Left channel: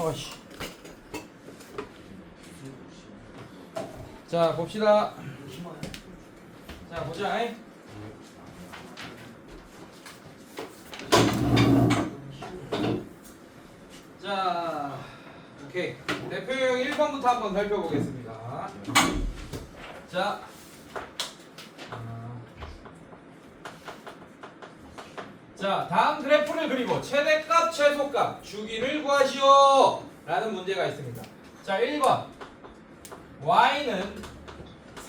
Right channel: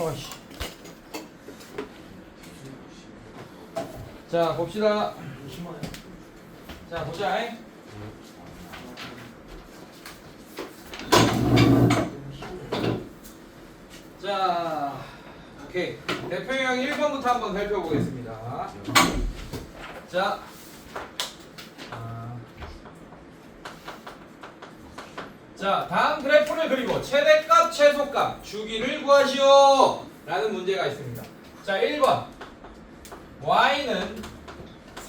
어이씨. 자 봅시다. 자 보자. 자 오케이. 대표 유형 1번부터 한번 살펴보겠습니다. 자 다음 그래프를 그리고 최대값 최소값 주기를 구하시오 라는 문제가 있습니다. 자 1번 y는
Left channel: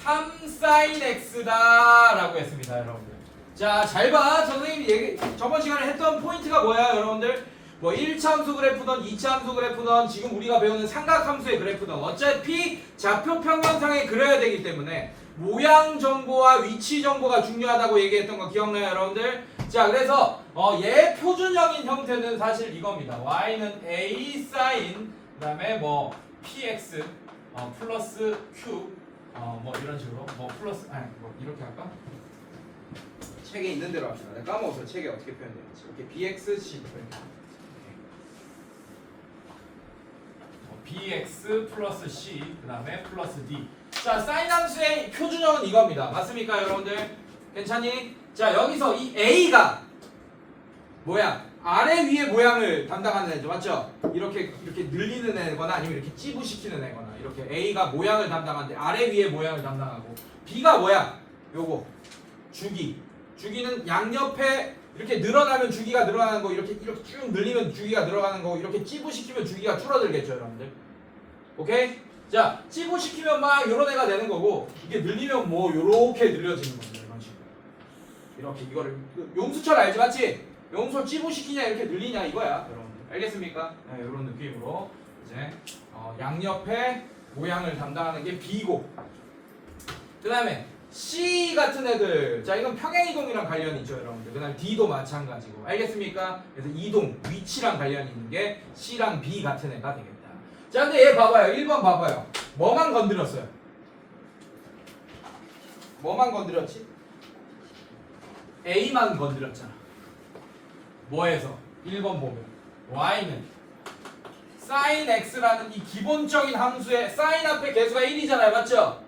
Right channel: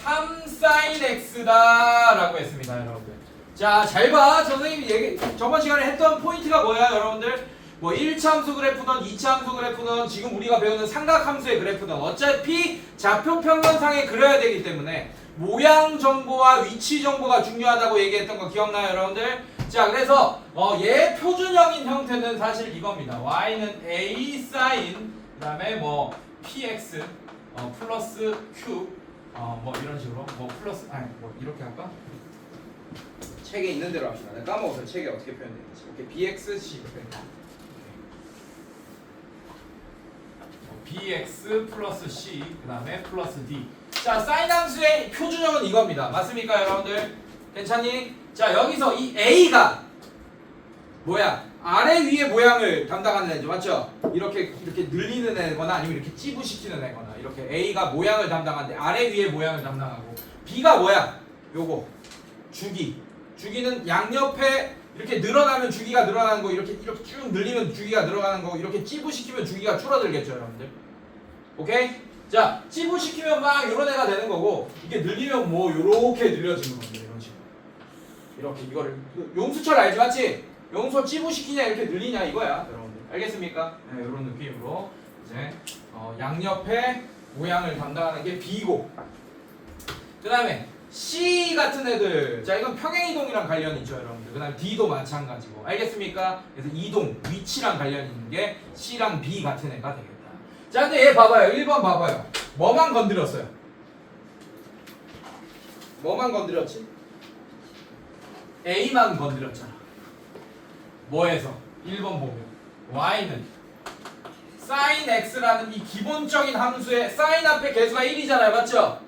3sin x다 라고 했습니다. 여러분들 자 잘 봐. 선생님이 저번 시간에 했던 포인트가 뭐야 여러분들? 뭐 1차 함수 그래프든 2차 함수 그래프든 지금 우리가 배우는 삼각함수의 그래프든 어차피 좌표 평면상에 그려야 되기 때문에 모양 정보와 위치 정보가 중요하다고 얘기했던 거 기억나요 여러분들? 자 그래서 얘 표준형인 형태는 사실 이겁니다. y는 a sin 그 다음에 뭐 px 플러스 q 뭐 이런 식으로 뭐 플러스 아니 뭐 이렇게 할까? 책에 있는 대로 합시다. 내가 까먹었어요. 책에 어떻게 표현되는지. 이렇게 bxc bx 플러스 c 그 다음에 플러스 d. 자 사인 함수의 표준형은 이겁니다. 맞습니까 여러분들? 괜찮니? 자 여기서 이 a가 뭐야? 아래 위의 모양을 담당하는 애죠. 맞죠? 이렇게 늘리는 애거나 아니면 이렇게 찌부시키는 애거나 이렇게 a가 모양을 담당하는데 아래 위의 모양을 담당하고 b가 뭐야? 요거 주기는 양옆에 이렇게 늘어나면 주기가 늘어나는 거 이렇게 쭉 늘리면 주기가 늘어가는 거 이렇게 찌부시키면 주기가 줄어들겠죠 여러분들. 오케이? 자 찌부시키면 막 요런 애가 되는 거고 이게 늘리면 뭐 요렇게 늘려지는 겁니다. 이런 식으로 이렇게 이거를 용수철 알지 맞지? 용수 찌부시키냐 이렇게 늘리냐 이거야 여러분들. 알겠습니까? 네, 이런 느낌으로 이제 양옆에 모양을 담당하는 게 B고 그 다음에 C 같은 애들 자 이건 평행이동이랑 관련이 있죠 여러분들. 그 다음에 D도 마찬가지고 알겠습니까? 그래서 이동 위치랑 관련이 있는 게 C랑 B 같은 애가 되겠다. 자 근데 얘 봐봐요. 1번 봐봐요. 뭐만 건드렸어요? 뭐만 건드렸지? A만 건드렸잖아. 뭐에서? 1번 보면 y는 sin x라는 이 기본적인 함수의 sin 앞에 개수가 1이잖아요. 맞죠?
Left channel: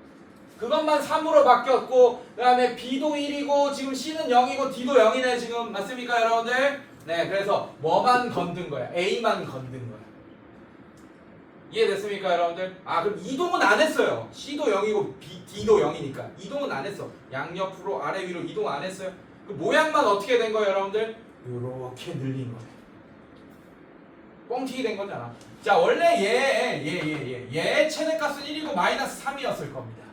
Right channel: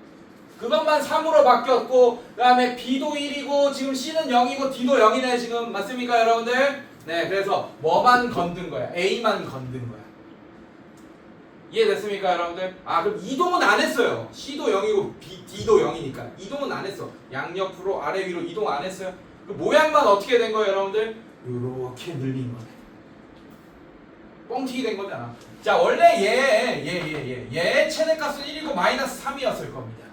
그것만 3으로 바뀌었고 그 다음에 b도 1이고 지금 c는 0이고 d도 0이네 지금. 맞습니까 여러분들? 네 그래서 뭐만 건든 거야? a만 건든 거야. 이해됐습니까 여러분들? 아 그럼 이동은 안 했어요. c도 0이고 d도 0이니까 이동은 안 했어. 양옆으로 아래 위로 이동 안 했어요. 그 모양만 어떻게 된 거예요 여러분들? 요렇게 늘린 거네. 뻥튀기 된 거잖아. 자 원래 얘 최대값은 1이고 마이너스 3이었을 겁니다.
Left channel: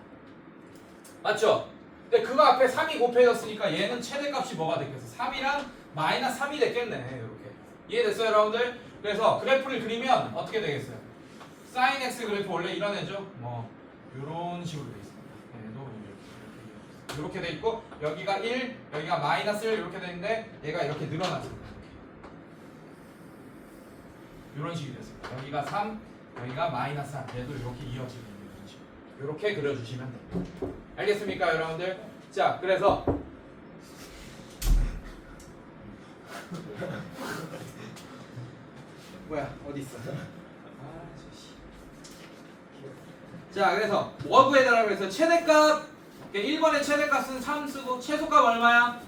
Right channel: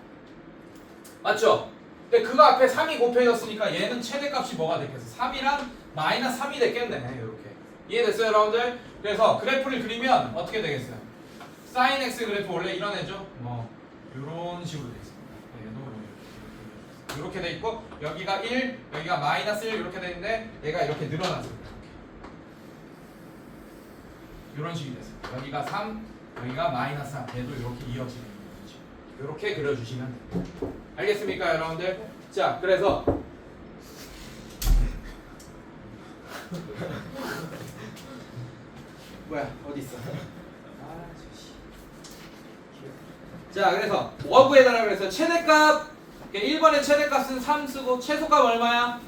맞죠? 근데 그거 앞에 3이 곱해졌으니까 얘는 최대값이 뭐가 됐겠어? 3이랑 마이너스 3이 됐겠네. 이렇게 이해됐어요 여러분들? 그래서 그래프를 그리면 어떻게 되겠어요? sin x 그래프 원래 이런 애죠? 뭐 요런 식으로 돼 있습니다. 이렇게 돼 있고 여기가 1, 여기가 마이너스 1 이렇게 돼 있는데 얘가 이렇게 늘어났습니다. 이런 식이 됐습니다. 여기가 3, 여기가 마이너스 3. 얘도 이렇게 이어지는 거죠. 이렇게 그려주시면 됩니다. 알겠습니까 여러분들? 자 그래서 뭐야 어디 있어? 자 그래서 뭐 구해달라고 그래서 최대값 1번의 최대값은 3 쓰고 최소값 얼마야?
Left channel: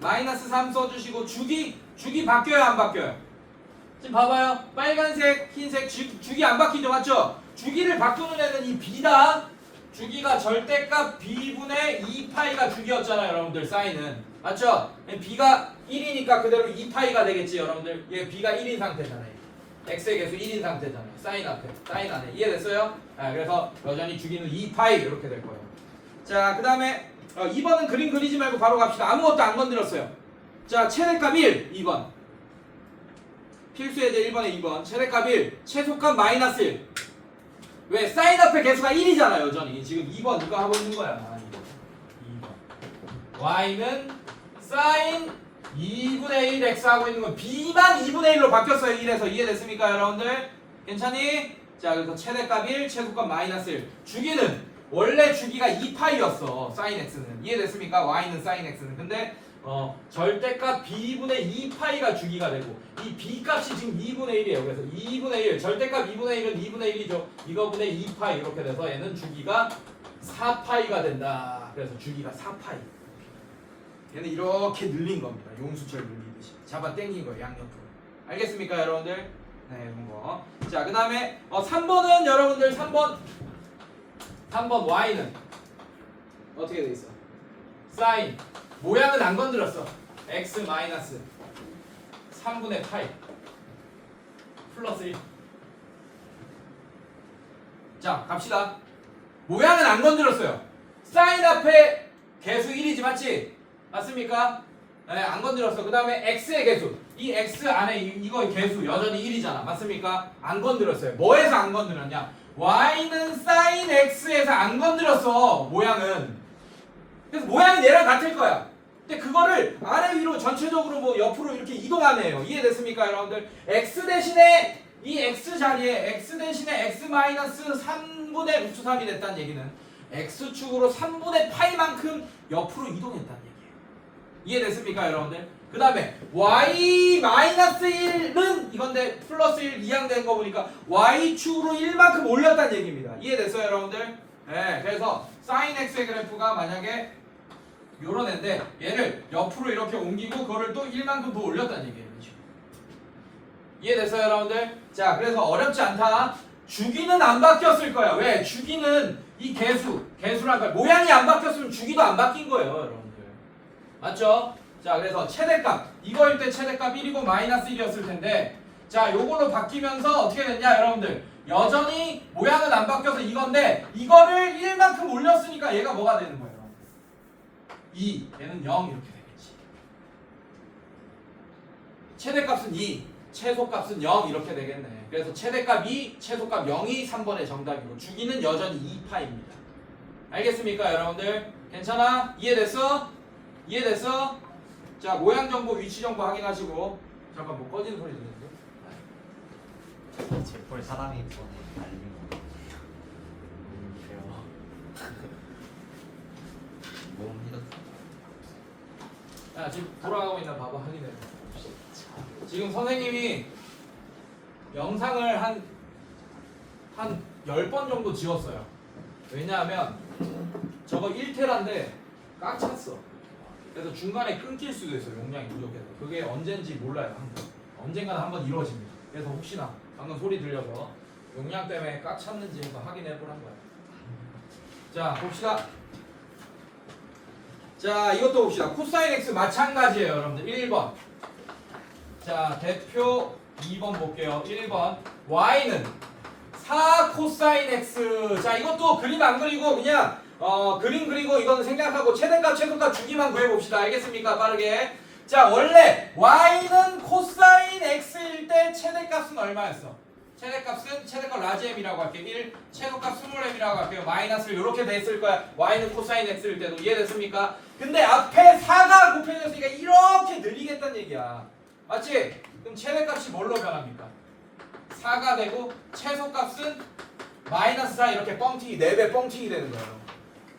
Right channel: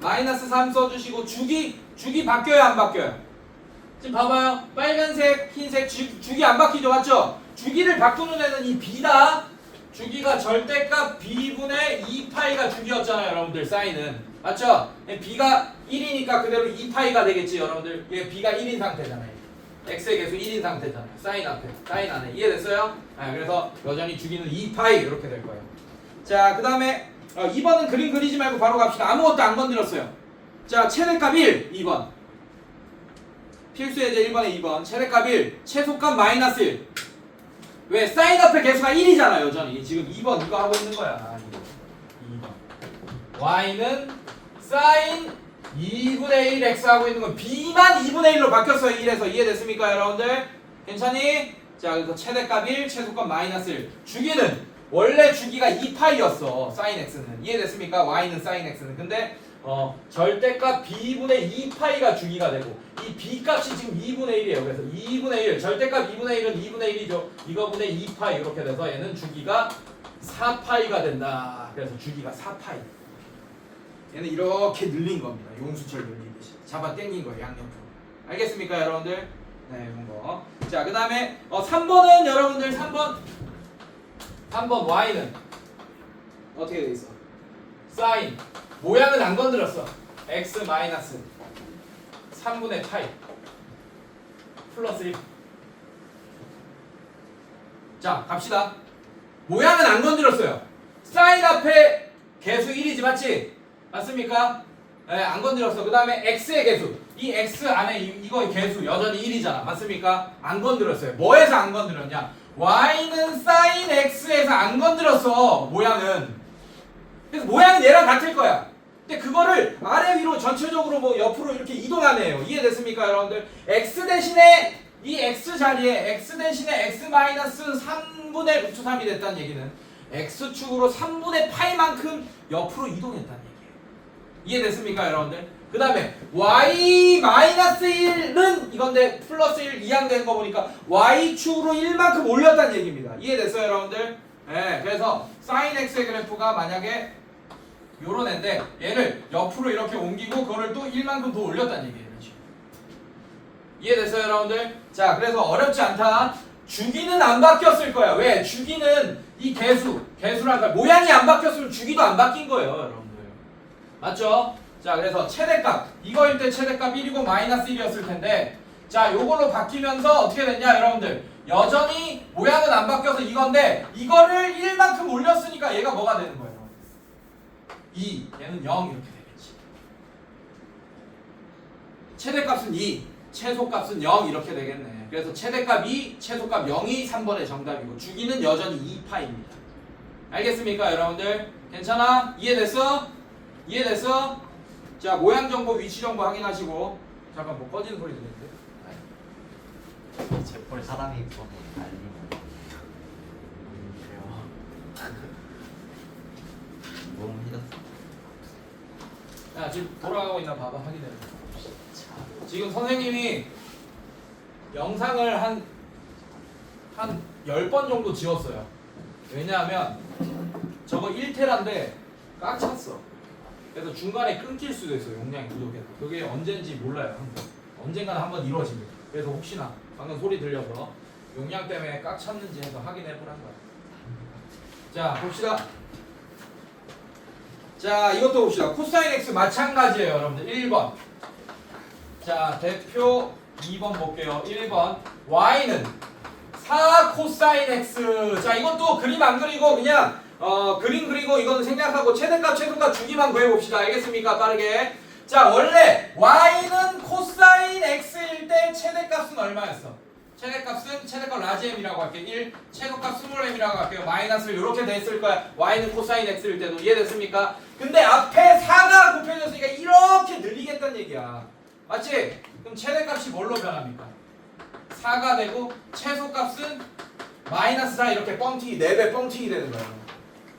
마이너스 3 써주시고 주기 바뀌어요 안 바뀌어요? 지금 봐봐요. 빨간색 흰색 주기 안 바뀌죠 맞죠? 주기를 바꾸는 애는 이 b다. 주기가 절대값 b분의 2파이가 주기였잖아요 여러분들. 사인은 맞죠? b가 1이니까 그대로 2파이가 되겠지 여러분들. 얘 b가 1인 상태잖아요. x의 개수 1인 상태잖아요. 사인 앞에 사인 안에. 이해됐어요? 그래서 여전히 주기는 2파이 이렇게 될 거예요. 자 그 다음에 2번은 그림 그리지 말고 바로 갑시다. 아무것도 안 건드렸어요. 자 최대값 1 2번 필수예제 1번에 2번 최대값 1 최소값 마이너스 1. 왜? 사인 앞에 개수가 1이잖아 여전히. 지금 2번 이거 하고 있는 거야. 2번 y는 sin 2분의 1 x 하고 있는 건 b만 2분의 1로 바뀌었어요. 1에서. 이해됐습니까 여러분들? 괜찮니? 자 그래서 최대값 1 최소값 마이너스 1. 주기는 원래 주기가 2파이였어. sin x는. 이해됐습니까? y는 sin x는. 근데 절대값 b분의 2파이가 주기가 되고 이 b 값이 지금 2분의 1이에요. 그래서 2분의 1 절대값 2분의 1은 2분의 1이죠. 이거분의 2파이 이렇게 돼서 얘는 주기가 4파이가 된다. 그래서 주기가 4파이. 얘는 이렇게 늘린 겁니다. 용수철 늘리듯이 잡아 당긴 거예요. 양옆으로. 알겠습니까 여러분들? 네, 이런 거. 자, 그 다음에 3번은 여러분들 3번 y는 어떻게 돼 있어? 사인 모양은 안 건드렸어. x 마이너스 3분의 파이 플러스 1. 자, 갑시다. 모양은 안 건드렸어요. 사인 앞에 개수 1이지 맞지? 맞습니까? 네, 안 건드렸어. 그 다음에 x의 개수. 이 x 안에 이거의 개수 여전히 1이잖아. 맞습니까? 안 건드렸어요. 뭐에서 안 건드렸냐? y는 sin x에서 안 건드렸어. 모양은. 그래서 모양은 얘랑 같을 거야. 근데 그거를 아래 위로 전체적으로 뭐 옆으로 이렇게 이동하네요. 이해됐습니까, 여러분들? x 대신에 이 x 자리에 x 대신에 x 마이너스 3분의 루트 3이 됐다는 얘기는 x축으로 3분의 파이만큼 옆으로 이동했다는 얘기예요. 이해됐습니까, 여러분들? 그 다음에 y 마이너스 1은 이건데 플러스 1 이항되는 거 보니까 y축으로 1만큼 올렸다는 얘기입니다. 이해됐어요, 여러분들? 네, 그래서 sin x의 그래프가 만약에 요런 애인데 얘를 옆으로 이렇게 옮기고 그거를 또 1만큼 더 올렸다는 얘기예요. 이해됐어요, 여러분들? 자, 그래서 어렵지 않다. 주기는 안 바뀌었을 거야. 왜? 주기는 이 개수란 걸 모양이 안 바뀌었으면 주기도 안 바뀐 거예요, 여러분들. 맞죠? 자, 그래서 최대값 이거일 때 최대값 1이고 마이너스 1이었을 텐데 자, 요걸로 바뀌면서 어떻게 됐냐, 여러분들? 여전히 모양은 안 바뀌어서 이건데 이거를 1만큼 올렸으니까 얘가 뭐가 되는 거예요? 2, 얘는 0 이렇게 되겠지. 최대값은 2, 최소값은 0 이렇게 되겠네. 그래서 최대값 2, 최소값 0이 3번의 정답이고 주기는 여전히 2파입니다. 알겠습니까, 여러분들? 괜찮아? 이해됐어? 이해됐어? 자, 모양 정보, 위치 정보 확인하시고. 잠깐 뭐 꺼지는 소리 들리는데? 제볼 사람이 이번에 알리면 그래요. 너무 힘들었어. 야, 지금 돌아가고 있나 봐봐. 확인해. 지금 선생님이 영상을 한 10번 정도 지웠어요. 왜냐하면 저거 1테라인데 꽉 찼어. 그래서 중간에 끊길 수도 있어요. 용량이 부족해서. 그게 언젠지 몰라요. 언젠가는 한번 이루어집니다. 그래서 혹시나 방금 소리 들려서 용량 때문에 꽉 찼는지 해서 확인해 보란 거야. 자, 봅시다. 자, 이것도 봅시다. 코사인 x 마찬가지예요, 여러분들. 1번. 자, 대표 2번 볼게요. 1번. y는 4 코사인 x. 자, 이것도 그림 안 그리고 그냥 그림 그리고 이거는 생략하고 최대값, 최소값 주기만 구해봅시다. 알겠습니까? 빠르게. 자, 원래 y는 코사인 x일 때 최대값은 얼마였어? 최대값은 최대값 라지 m이라고 할게요. 1, 최소값 스몰 m이라고 할게요. 마이너스를 이렇게 됐을 거야. y는 코사인 x일 때도. 이해됐습니까? 근데 앞에 4가 곱해졌으니까 이렇게 늘리겠다는 얘기야. 맞지? 그럼 최대값이 뭘로 변합니까? 4가 되고 최소값은 마이너스 4 이렇게 뻥튀기 4배 뻥튀기 되는 거예요.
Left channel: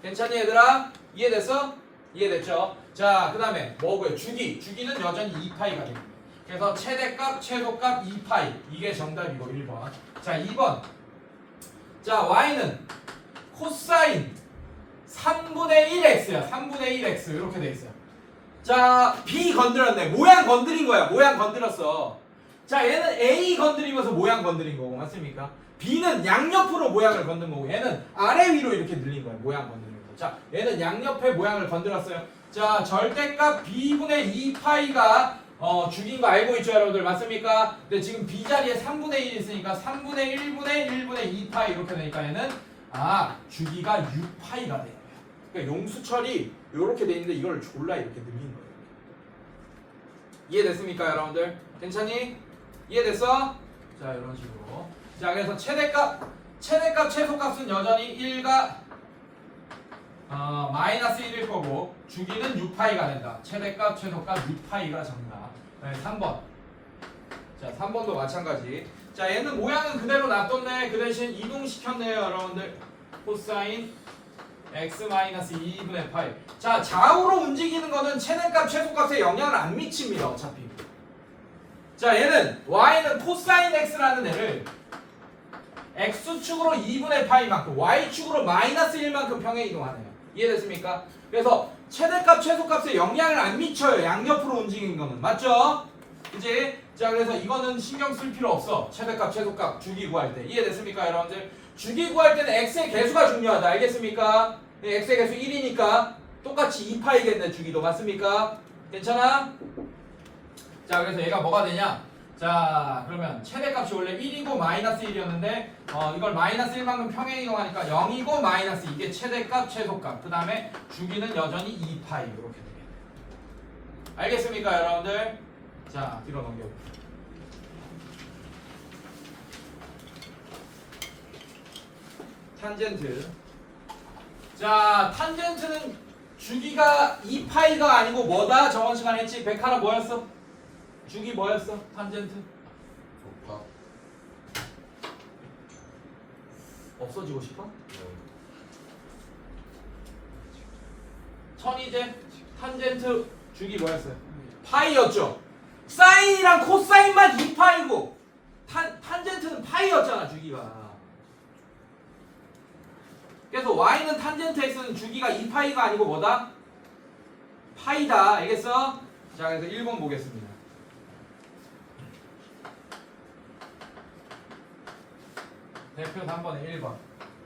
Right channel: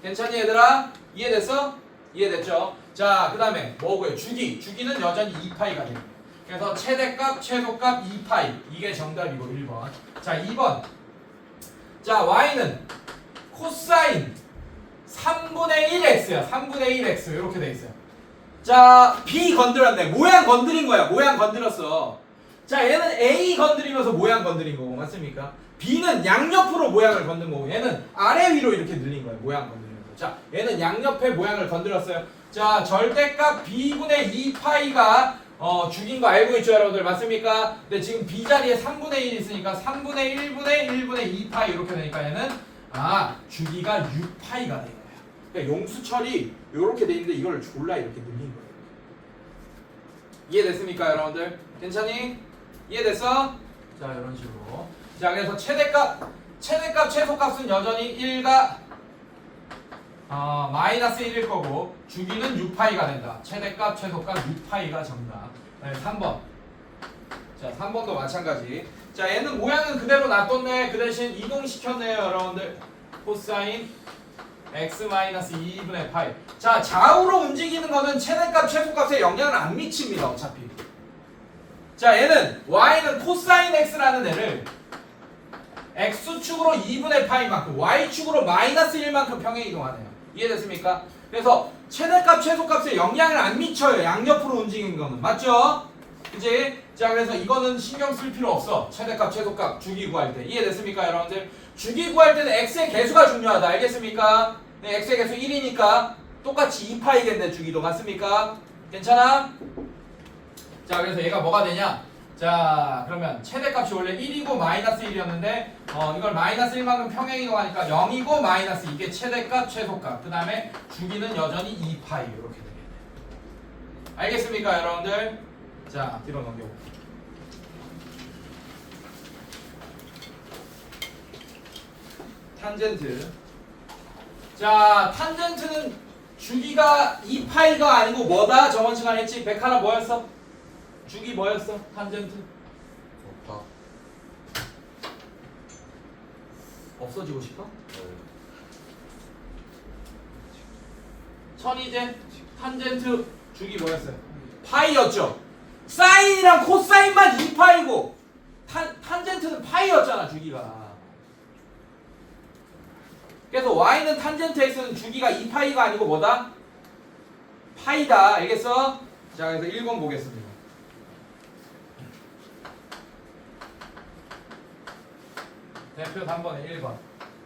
괜찮니 얘들아? 이해됐어? 이해됐죠? 자, 그 다음에 뭐고요? 주기는 여전히 2파이가 됩니다. 그래서 최대값, 최소값 2파이 이게 정답이고 1번. 자, 2번. 자, y는 코사인 3분의 1x야. 3분의 1x 이렇게 돼 있어요. 자, b 건드렸네. 모양 건드린 거야. 모양 건드렸어. 자, 얘는 a 건드리면서 모양 건드린 거고 맞습니까? b는 양옆으로 모양을 건든 거고 얘는 아래 위로 이렇게 늘린 거야. 모양 건드리면서. 자, 얘는 양옆에 모양을 건드렸어요. 자, 절대값 b분의 2파이가 주기인 거 알고 있죠, 여러분들? 맞습니까? 근데 지금 b 자리에 3분의 1 있으니까 3분의 1분의 1분의 2파이 이렇게 되니까 얘는 주기가 6파이가 돼요. 그러니까 용수철이 이렇게 돼 있는데 이걸 졸라 이렇게 늘린 거예요. 이해됐습니까, 여러분들? 괜찮니? 이해됐어? 자, 이런 식으로. 자, 그래서 최대값, 최소값은 여전히 1과 마이너스 1일 거고 주기는 6파이가 된다. 최대값, 최소값 6파이가 정답. 네, 3번. 자, 3번도 마찬가지. 자, 얘는 모양은 그대로 놔뒀네. 그 대신 이동시켰네요, 여러분들. 코사인 x-2분의 파이. 자, 좌우로 움직이는 거는 최대값 최소값에 영향을 안 미칩니다. 어차피. 자, 얘는 y는 코사인 x라는 애를 x축으로 2분의 파이만큼 y축으로 마이너스 1만큼 평행 이동하네요. 이해됐습니까? 그래서 최대값 최소값에 영향을 안 미쳐요. 양옆으로 움직이는 거는. 맞죠? 그치? 자, 그래서 이거는 신경 쓸 필요 없어. 최대값 최소값 주기 구할 때. 이해됐습니까, 여러분들? 주기 구할 때는 x의 개수가 중요하다. 알겠습니까? 네, x의 개수 1이니까 똑같이 2파이겠네, 주기도. 맞습니까? 괜찮아? 자, 그래서 얘가 뭐가 되냐? 자, 그러면 최대값이 원래 1이고 마이너스 1이었는데 이걸 마이너스 1만큼 평행 이동하니까 0이고 마이너스 이게 최대값 최소값. 그 다음에 주기는 여전히 2파이 이렇게 되겠네요. 알겠습니까, 여러분들? 자, 뒤로 넘겨볼게요. 탄젠트. 자, 탄젠트는 주기가 2파이가 아니고 뭐다? 저번 시간에 했지? 백하나 뭐였어? 주기 뭐였어? 탄젠트? 좋다. 없어지고 싶어? 천이제 탄젠트 주기 뭐였어요? 파이였죠? 사인이랑 코사인만 2파이고 탄젠트는 파이였잖아, 주기가. 그래서 y는 탄젠트 x는 주기가 2파이가 아니고 뭐다? 파이다. 알겠어? 자, 그래서 1번 보겠습니다. 대표 단번에 1번.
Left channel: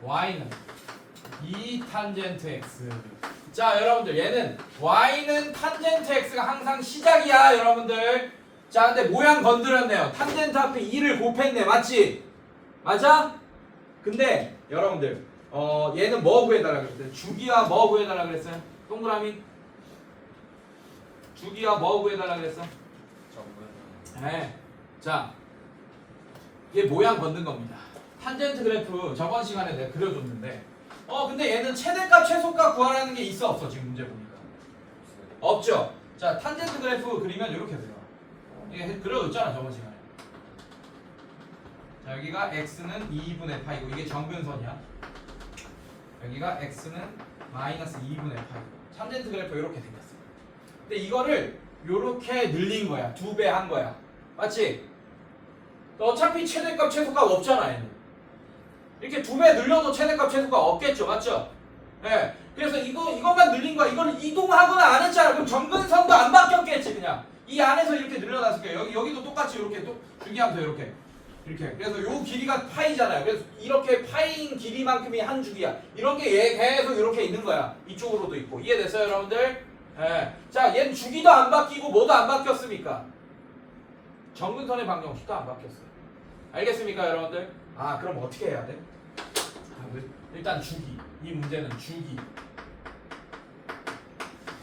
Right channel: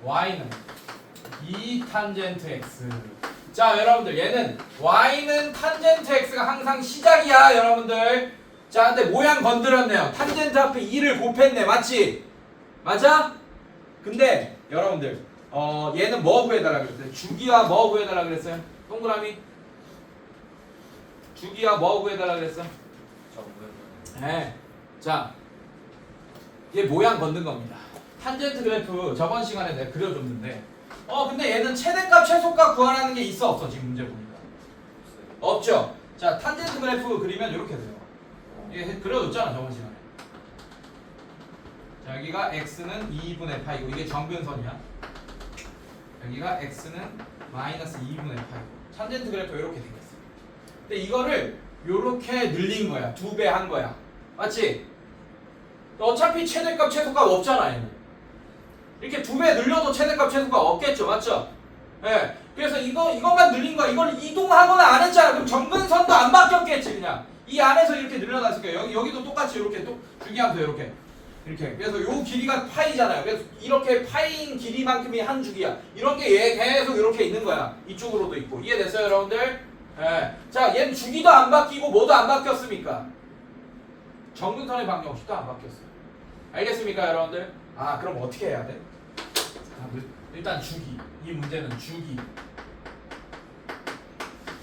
y는 2탄젠트 x. 자, 여러분들 얘는 y는 탄젠트 x가 항상 시작이야, 여러분들. 자, 근데 모양 건드렸네요. 탄젠트 앞에 2를 곱했네. 맞지? 맞아? 근데 여러분들 얘는 뭐 구해달라 그랬어요? 주기와 뭐 구해달라 그랬어요? 동그라미. 주기와 뭐 구해달라 그랬어? 네. 자, 얘 모양 건든 겁니다. 탄젠트 그래프 저번 시간에 내가 그려줬는데 근데 얘는 최대값 최소값 구하라는 게 있어 없어? 지금 문제 보니까 없죠? 자, 탄젠트 그래프 그리면 이렇게 돼요. 이게 그려줬잖아 저번 시간에. 자, 여기가 x는 2분의 파이고 이게 정근선이야. 여기가 x는 마이너스 2분의 파이고 탄젠트 그래프 이렇게 생겼어. 근데 이거를 이렇게 늘린 거야. 2배 한 거야. 맞지? 어차피 최대값 최소값 없잖아 얘는. 이렇게 2배 늘려도 최대값 최소값 없겠죠. 맞죠? 예. 네. 그래서 이것만 늘린 거야. 이걸 이동하거나 안 했잖아. 그럼 정근선도 안 바뀌었겠지. 그냥 이 안에서 이렇게 늘려놨을 거예요. 여기도 똑같이 이렇게 또 주기함수 이렇게. 그래서 요 길이가 파이잖아요. 그래서 이렇게 파이인 길이만큼이 한 주기야. 이런 게 얘 계속 이렇게 있는 거야. 이쪽으로도 있고. 이해됐어요, 여러분들? 예. 자, 얘는 주기도 안 바뀌고 뭐도 안 바뀌었습니까? 정근선의 방정식도 안 바뀌었어요. 알겠습니까, 여러분들? 아, 그럼 어떻게 해야 돼? 일단 주기. 이 문제는 주기.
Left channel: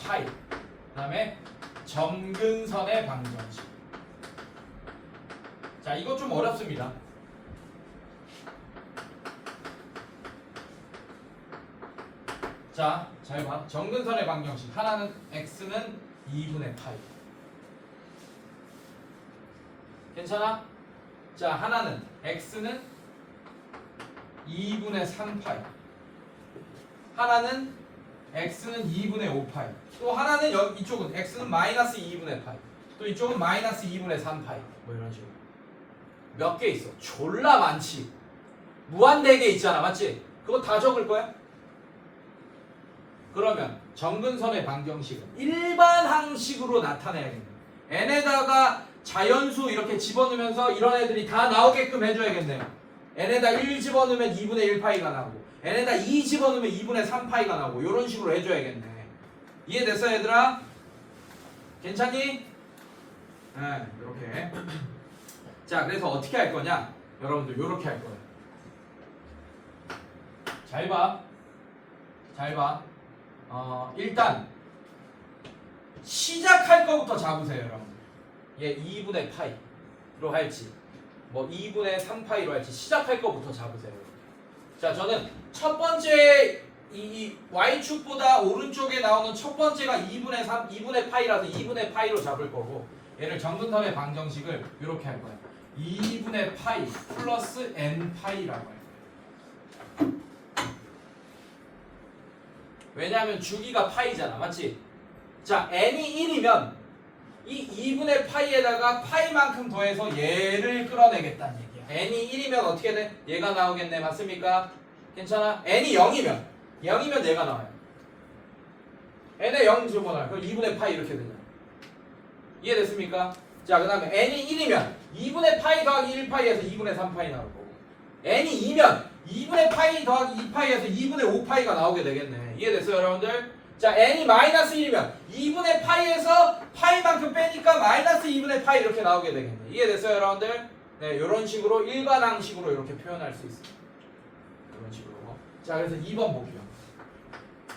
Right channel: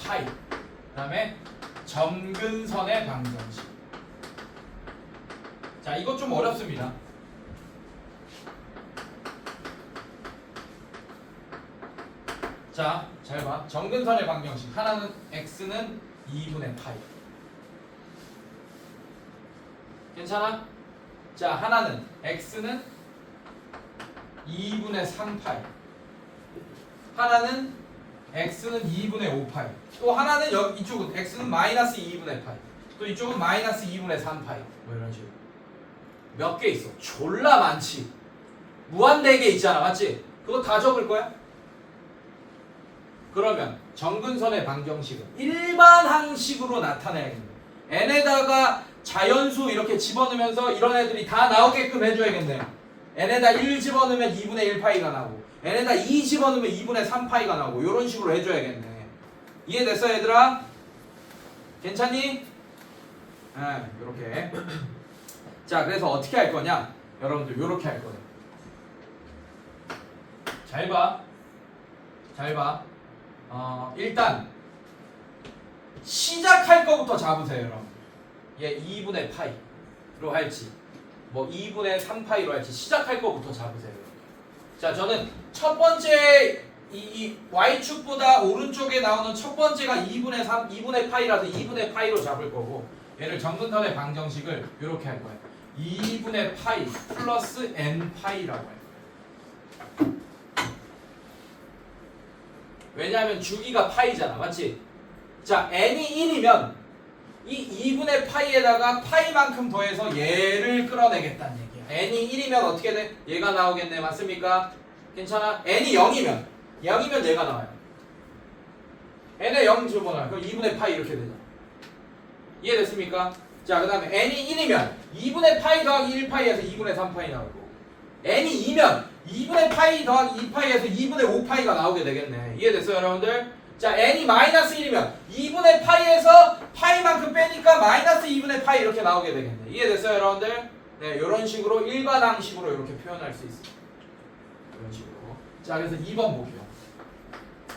파이. 그 다음에 점근선의 방정식. 자, 이거 좀 어렵습니다. 자, 잘 봐. 점근선의 방정식. 하나는 x는 2분의 파이. 괜찮아? 자, 하나는 x는 2분의 3파이. 하나는 x는 2분의 5파이. 또 하나는 이쪽은 x는 마이너스 2분의 파이. 또 이쪽은 마이너스 2분의 3파이. 뭐 이런 식으로. 몇 개 있어? 졸라 많지. 무한대개 있잖아. 맞지? 그거 다 적을 거야? 그러면 정근선의 방정식은 일반 항식으로 나타내야겠네. n에다가 자연수 이렇게 집어넣으면서 이런 애들이 다 나오게끔 해줘야겠네요. n에다 1 집어넣으면 2분의 1파이가 나오고 n에다 2 집어넣으면 2분의 3파이가 나오고 이런 식으로 해줘야겠네. 이해됐어, 얘들아? 괜찮니? 네, 이렇게. 자, 그래서 어떻게 할 거냐? 여러분들 이렇게 할 거예요. 잘 봐. 잘 봐. 일단 시작할 거부터 잡으세요, 여러분. 얘 2분의 파이로 할지 뭐 2분의 3파이로 할지 시작할 거부터 잡으세요. 자, 저는 첫 번째 이 y축보다 오른쪽에 나오는 첫 번째가 2분의 파이라서 2분의 파이로 잡을 거고 얘를 정근선의 방정식을 이렇게 할 거예요. 2분의 파이 플러스 n 파이라고 할 거예요. 왜냐하면 주기가 파이잖아, 맞지? 자, n이 1이면 이 2분의 파이에다가 파이만큼 더해서 얘를 끌어내겠다는 얘기야. n이 1이면 어떻게 돼? 얘가 나오겠네, 맞습니까? 괜찮아? n이 0이면 얘가 나와요. n에 0 집어넣어요. 그럼 2분의 파이 이렇게 되죠. 이해됐습니까? 자, 그 다음에 n이 1이면 2분의 파이 더하기 1파이에서 2분의 3파이 나오고, n이 2면 2분의 파이 더하기 2파이에서 2분의 5파이가 나오게 되겠네. 이해됐어요, 여러분들? 자, n이 마이너스 1이면 2분의 파이에서 파이만큼 빼니까 마이너스 2분의 파이 이렇게 나오게 되겠네. 이해됐어요, 여러분들? 네, 이런 식으로 일반항식으로 이렇게 표현할 수 있어요. 이런 식으로. 자, 그래서 2번 볼게요.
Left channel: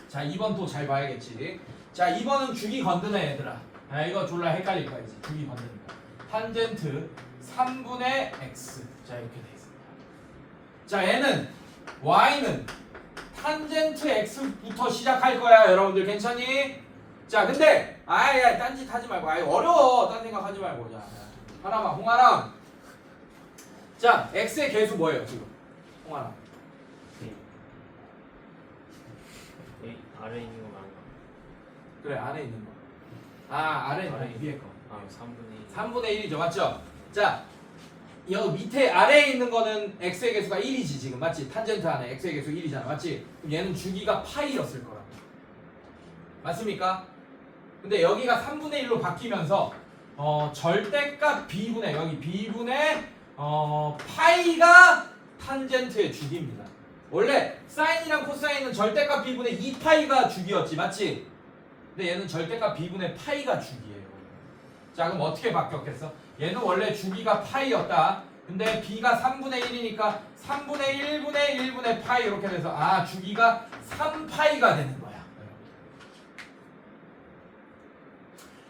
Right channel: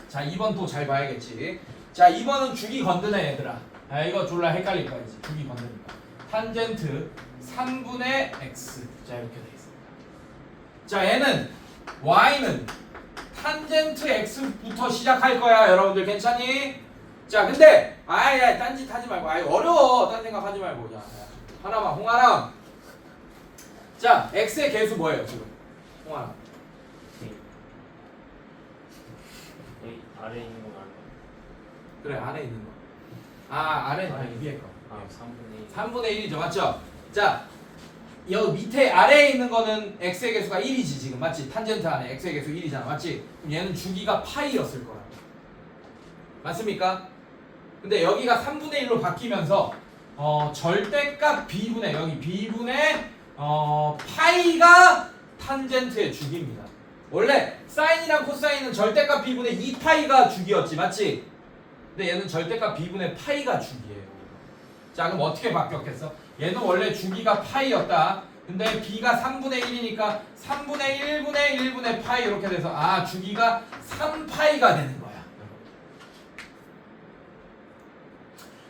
자, 2번 또 잘 봐야겠지. 자, 2번은 주기 건드네, 얘들아. 아, 이거 졸라 헷갈릴 거야, 이제. 주기 건드니까. 탄젠트 3분의 x. 자, 이렇게 돼 있습니다. 자, 얘는 y는 탄젠트 x부터 시작할 거야, 여러분들. 괜찮니? 자, 근데 아예 딴짓 하지 말고, 아예 어려워. 딴 생각 하지 말고. 자, 하나만, 홍아람. 자, x의 개수 뭐예요, 지금? 홍아람. 아래에 있는 거 말고. 그래, 안에 있는 거. 아, 아래 위에 거. 아, 3분의 1. 3분의 1이죠, 맞죠? 자, 여기 밑에 아래에 있는 거는 x의 개수가 1이지 지금, 맞지? 탄젠트 안에 x의 개수 1이잖아, 맞지? 그럼 얘는 주기가 파이였을 거라고. 맞습니까? 근데 여기가 3분의 1로 바뀌면서 절대값 b분의 여기 b분의 파이가 탄젠트의 주기입니다. 원래 사인이랑 코사인은 절대값 b분의 2파이가 주기였지, 맞지? 근데 얘는 절대값 b분의 파이가 주기예요. 자, 그럼 어떻게 바뀌었겠어? 얘는 원래 주기가 파이였다. 근데 b가 3분의 1이니까 3분의 1분의 1분의 파이 이렇게 돼서 아, 주기가 3파이가 되는 거야.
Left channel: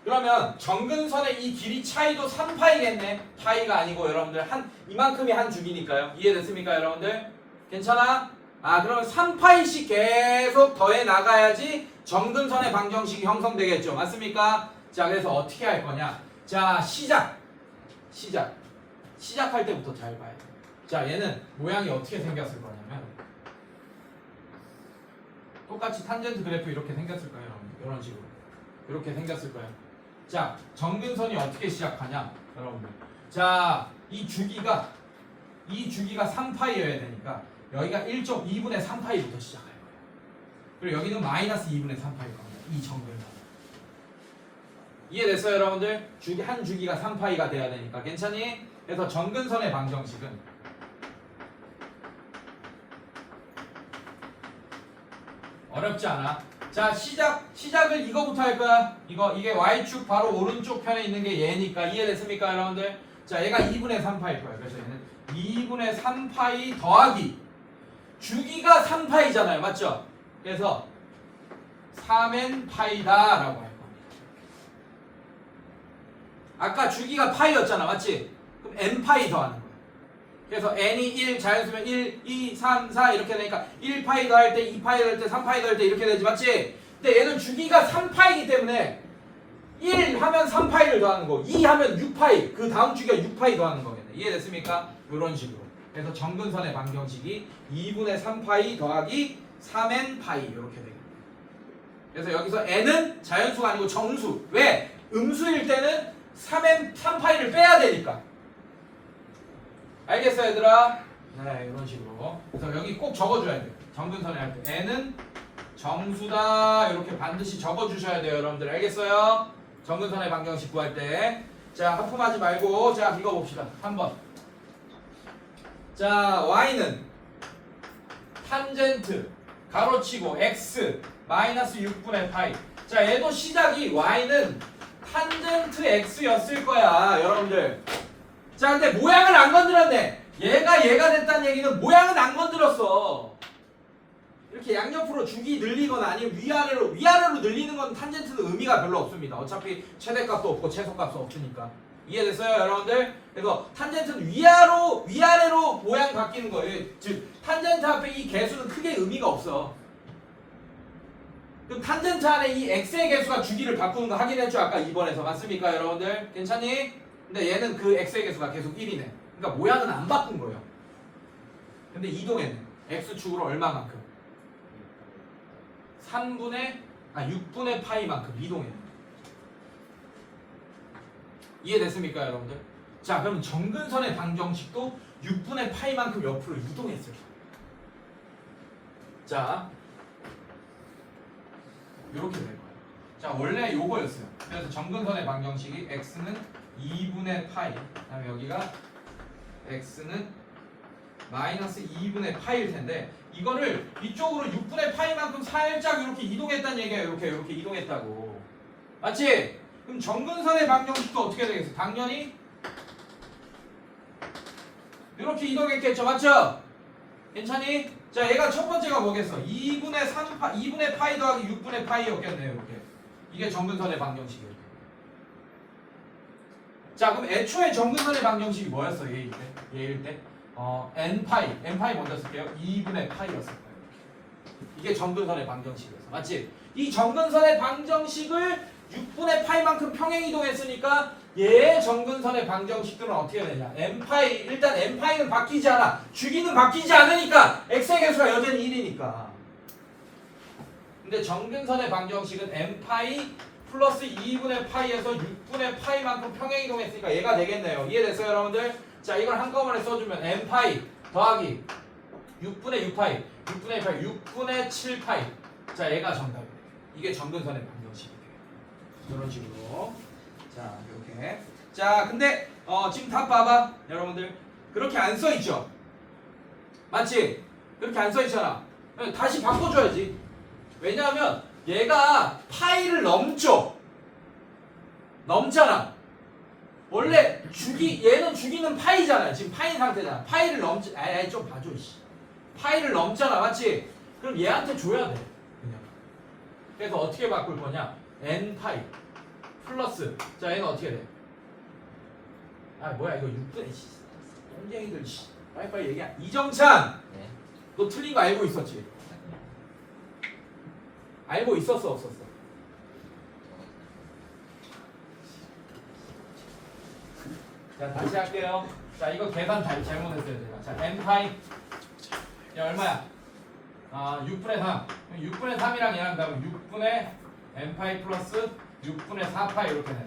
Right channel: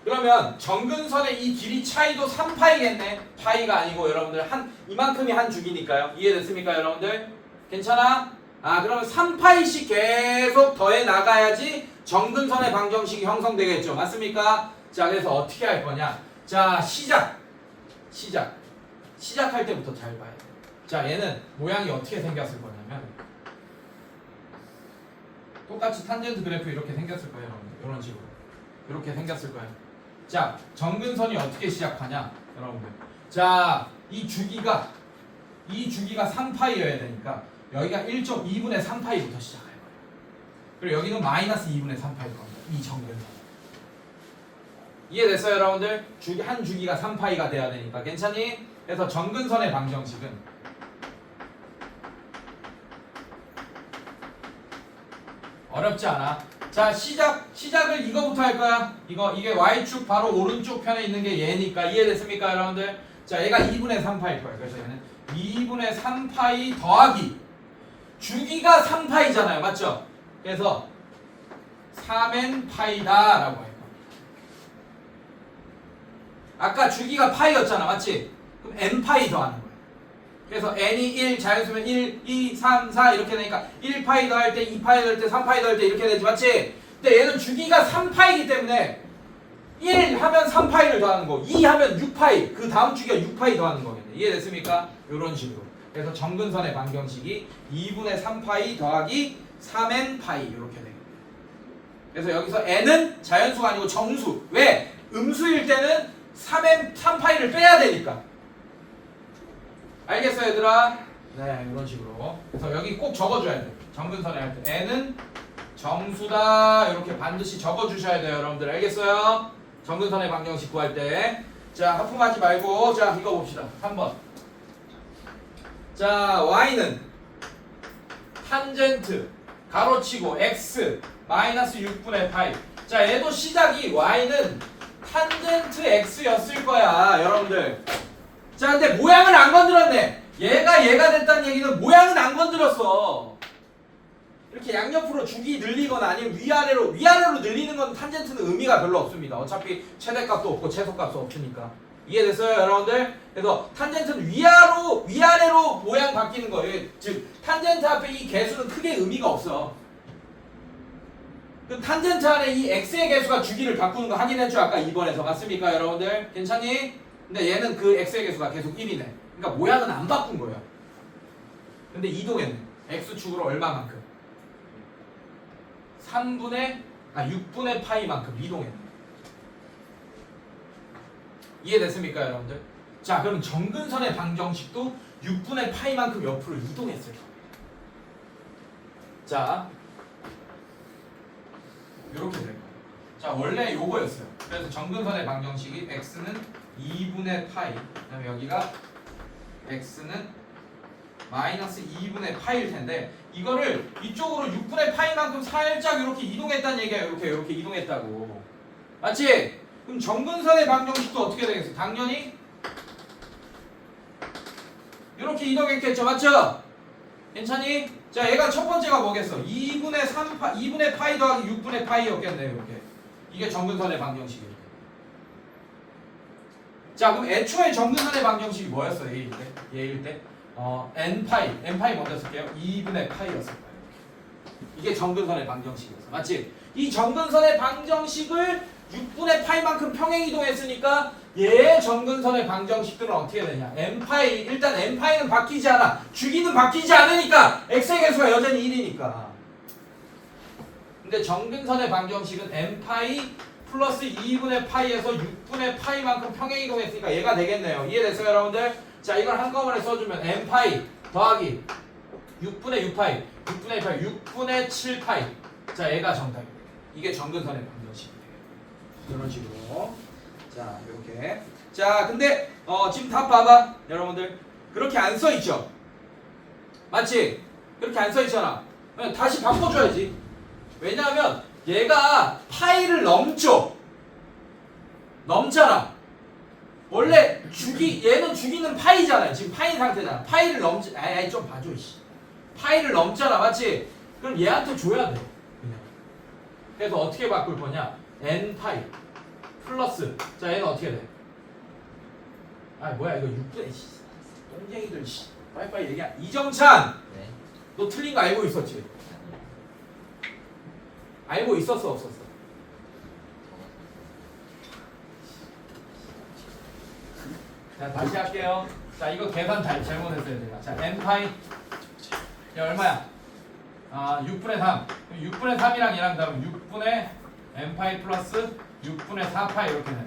그러면 정근선의 이 길이 차이도 3파이겠네. 파이가 아니고 여러분들 이만큼이 한 주기니까요. 이해됐습니까, 여러분들? 괜찮아? 아, 그러면 3파이씩 계속 더해 나가야지 정근선의 방정식이 형성되겠죠. 맞습니까? 자, 그래서 어떻게 할 거냐? 자, 시작할 때부터 잘 봐야 돼. 자, 얘는 모양이 어떻게 생겼을 거냐면 똑같이 탄젠트 그래프 이렇게 생겼을 거예요, 여러분. 이런 식으로 이렇게 생겼을 거예요. 자, 정근선이 어떻게 시작하냐, 여러분들. 자, 이 주기가 3파이여야 되니까 여기가 1.2분의 3파이부터 시작할 거예요. 그리고 여기는 마이너스 2분의 3파이일 겁니다. 이 정근선. 이해됐어요, 여러분들? 한 주기가 3파이가 돼야 되니까. 괜찮니? 그래서 정근선의 방정식은 어렵지 않아. 자, 시작을 이거부터 할 거야. 이게 y축 바로 오른쪽 편에 있는 게 얘니까. 이해됐습니까, 여러분들? 자, 얘가 2분의 3파일 거야. 그래서 얘는 2분의 3파이 더하기 주기가 3파이잖아요, 맞죠? 그래서 3n파이다 라고 할 겁니다. 아까 주기가 파이였잖아, 맞지? 그럼 n파이 더하는 거야. 그래서 n이 1 자연수면 1, 2, 3, 4 이렇게 되니까 1파이 더할 때 2파이 더할 때 3파이 더할 때 이렇게 되지, 맞지? 근데 얘는 주기가 3파이기 때문에 1 하면 3파이를 더하는 거, 2 하면 6파이, 그 다음 주기가 6파이 더하는 거겠네. 이해됐습니까? 이런 식으로. 그래서 정근선의 방정식이 2분의 3파이 더하기 3n파이 이렇게 되겠네. 그래서 여기서 n은 자연수가 아니고 정수. 왜? 음수일 때는 3파이를 빼야 되니까. 알겠어, 얘들아? 네, 이런 식으로. 그래서 여기 꼭 적어줘야 돼. 정근선에 할 때 n은 정수다 이렇게 반드시 적어주셔야 돼요, 여러분들. 알겠어요? 정근선의 방정식 구할 때. 자, 하품하지 말고 자, 이거 봅시다. 3번. 자, y는 탄젠트 가로치고 x 마이너스 6분의 파이. 자, 얘도 시작이 y는 탄젠트 x였을 거야, 여러분들. 자, 근데 모양을 안 건드렸네. 얘가 됐다는 얘기는 모양은 안 건드렸어. 이렇게 양옆으로 주기 늘리거나 아니면 위아래로 늘리는 건 탄젠트는 의미가 별로 없습니다. 어차피 최대값도 없고 최소값도 없으니까. 이해됐어요, 여러분들? 그래서 탄젠트는 위아래로 모양 바뀌는 거예요. 즉 탄젠트 앞에 이 개수는 크게 의미가 없어. 그 탄젠트 안에 이 x의 개수가 주기를 바꾸는 거 확인했죠, 아까 2번에서. 맞습니까, 여러분들? 괜찮니? 근데 얘는 그 x의 개수가 계속 1이네. 그러니까 모양은 안 바꾼 거야. 근데 이동했네. x축으로 얼마만큼? 6분의 파이만큼 이동해. 이해됐습니까, 여러분들? 자, 그럼 정근선의 방정식도 6분의 파이만큼 옆으로 이동했을 거예요. 자, 이렇게 될 거예요. 자, 원래 요거였어요. 그래서 정근선의 방정식이 x는 2분의 파이, 그다음에 여기가 x는 마이너스 2분의 파이일 텐데 이거를 이쪽으로 6분의 파이만큼 살짝 이렇게 이동했다는 얘기야. 이렇게 이동했다고. 맞지? 그럼 정근선의 방정식도 어떻게 되겠어? 당연히 이렇게 이동했겠죠. 맞죠? 괜찮니? 자, 얘가 첫 번째가 뭐겠어? 2분의 파이 더하기 6분의 파이였겠네요. 이렇게. 이게 정근선의 방정식이에요. 자, 그럼 애초에 정근선의 방정식이 뭐였어? 얘일 때? n파이 먼저 쓸게요. 2분의 파이였을 거예요. 이게 정근선의 방정식이었어. 맞지? 이 정근선의 방정식을 6분의 파이만큼 평행 이동했으니까 얘의 정근선의 방정식들은 어떻게 되냐? n파이, 일단 n파이는 바뀌지 않아. 주기는 바뀌지 않으니까 x의 개수가 여전히 1이니까. 근데 정근선의 방정식은 n파이 플러스 2분의 파이에서 6분의 파이만큼 평행 이동했으니까 얘가 되겠네요. 이해됐어요, 여러분들? 자, 이걸 한꺼번에 써주면 n파이 더하기 6분의 6파이, 6분의 2파이, 6분의 7파이. 자, 얘가 정답이에요. 이게 정근선의 방정식이에요. 이런 식으로. 자, 이렇게. 자, 근데 지금 답 봐봐, 여러분들. 그렇게 안 써있죠? 맞지? 그렇게 안 써있잖아. 다시 바꿔줘야지. 왜냐하면 얘가 파이를 넘잖아. 원래 얘는 주기는 파이잖아요. 지금 파이 상태잖아. 파이를 넘지. 좀 봐줘. 파이를 넘잖아. 맞지? 그럼 얘한테 줘야 돼. 그냥. 그래서 어떻게 바꿀 거냐? n파이 플러스. 자, 얘는 어떻게 돼? 뭐야 이거 6분의 똥쟁이들. 빨리빨리 얘기해. 이정찬, 네. 너 틀린 거 알고 있었지? 알고 있었어, 없었어? 자, 다시 할게요. 자, 이거 계산 잘못했어요, 제가. 자, n파이. 야, 얼마야? 6분의 3. 6분의 3이랑 얘랑 다르면 6분의 n파이 플러스 6분의 4파이 이렇게 되네.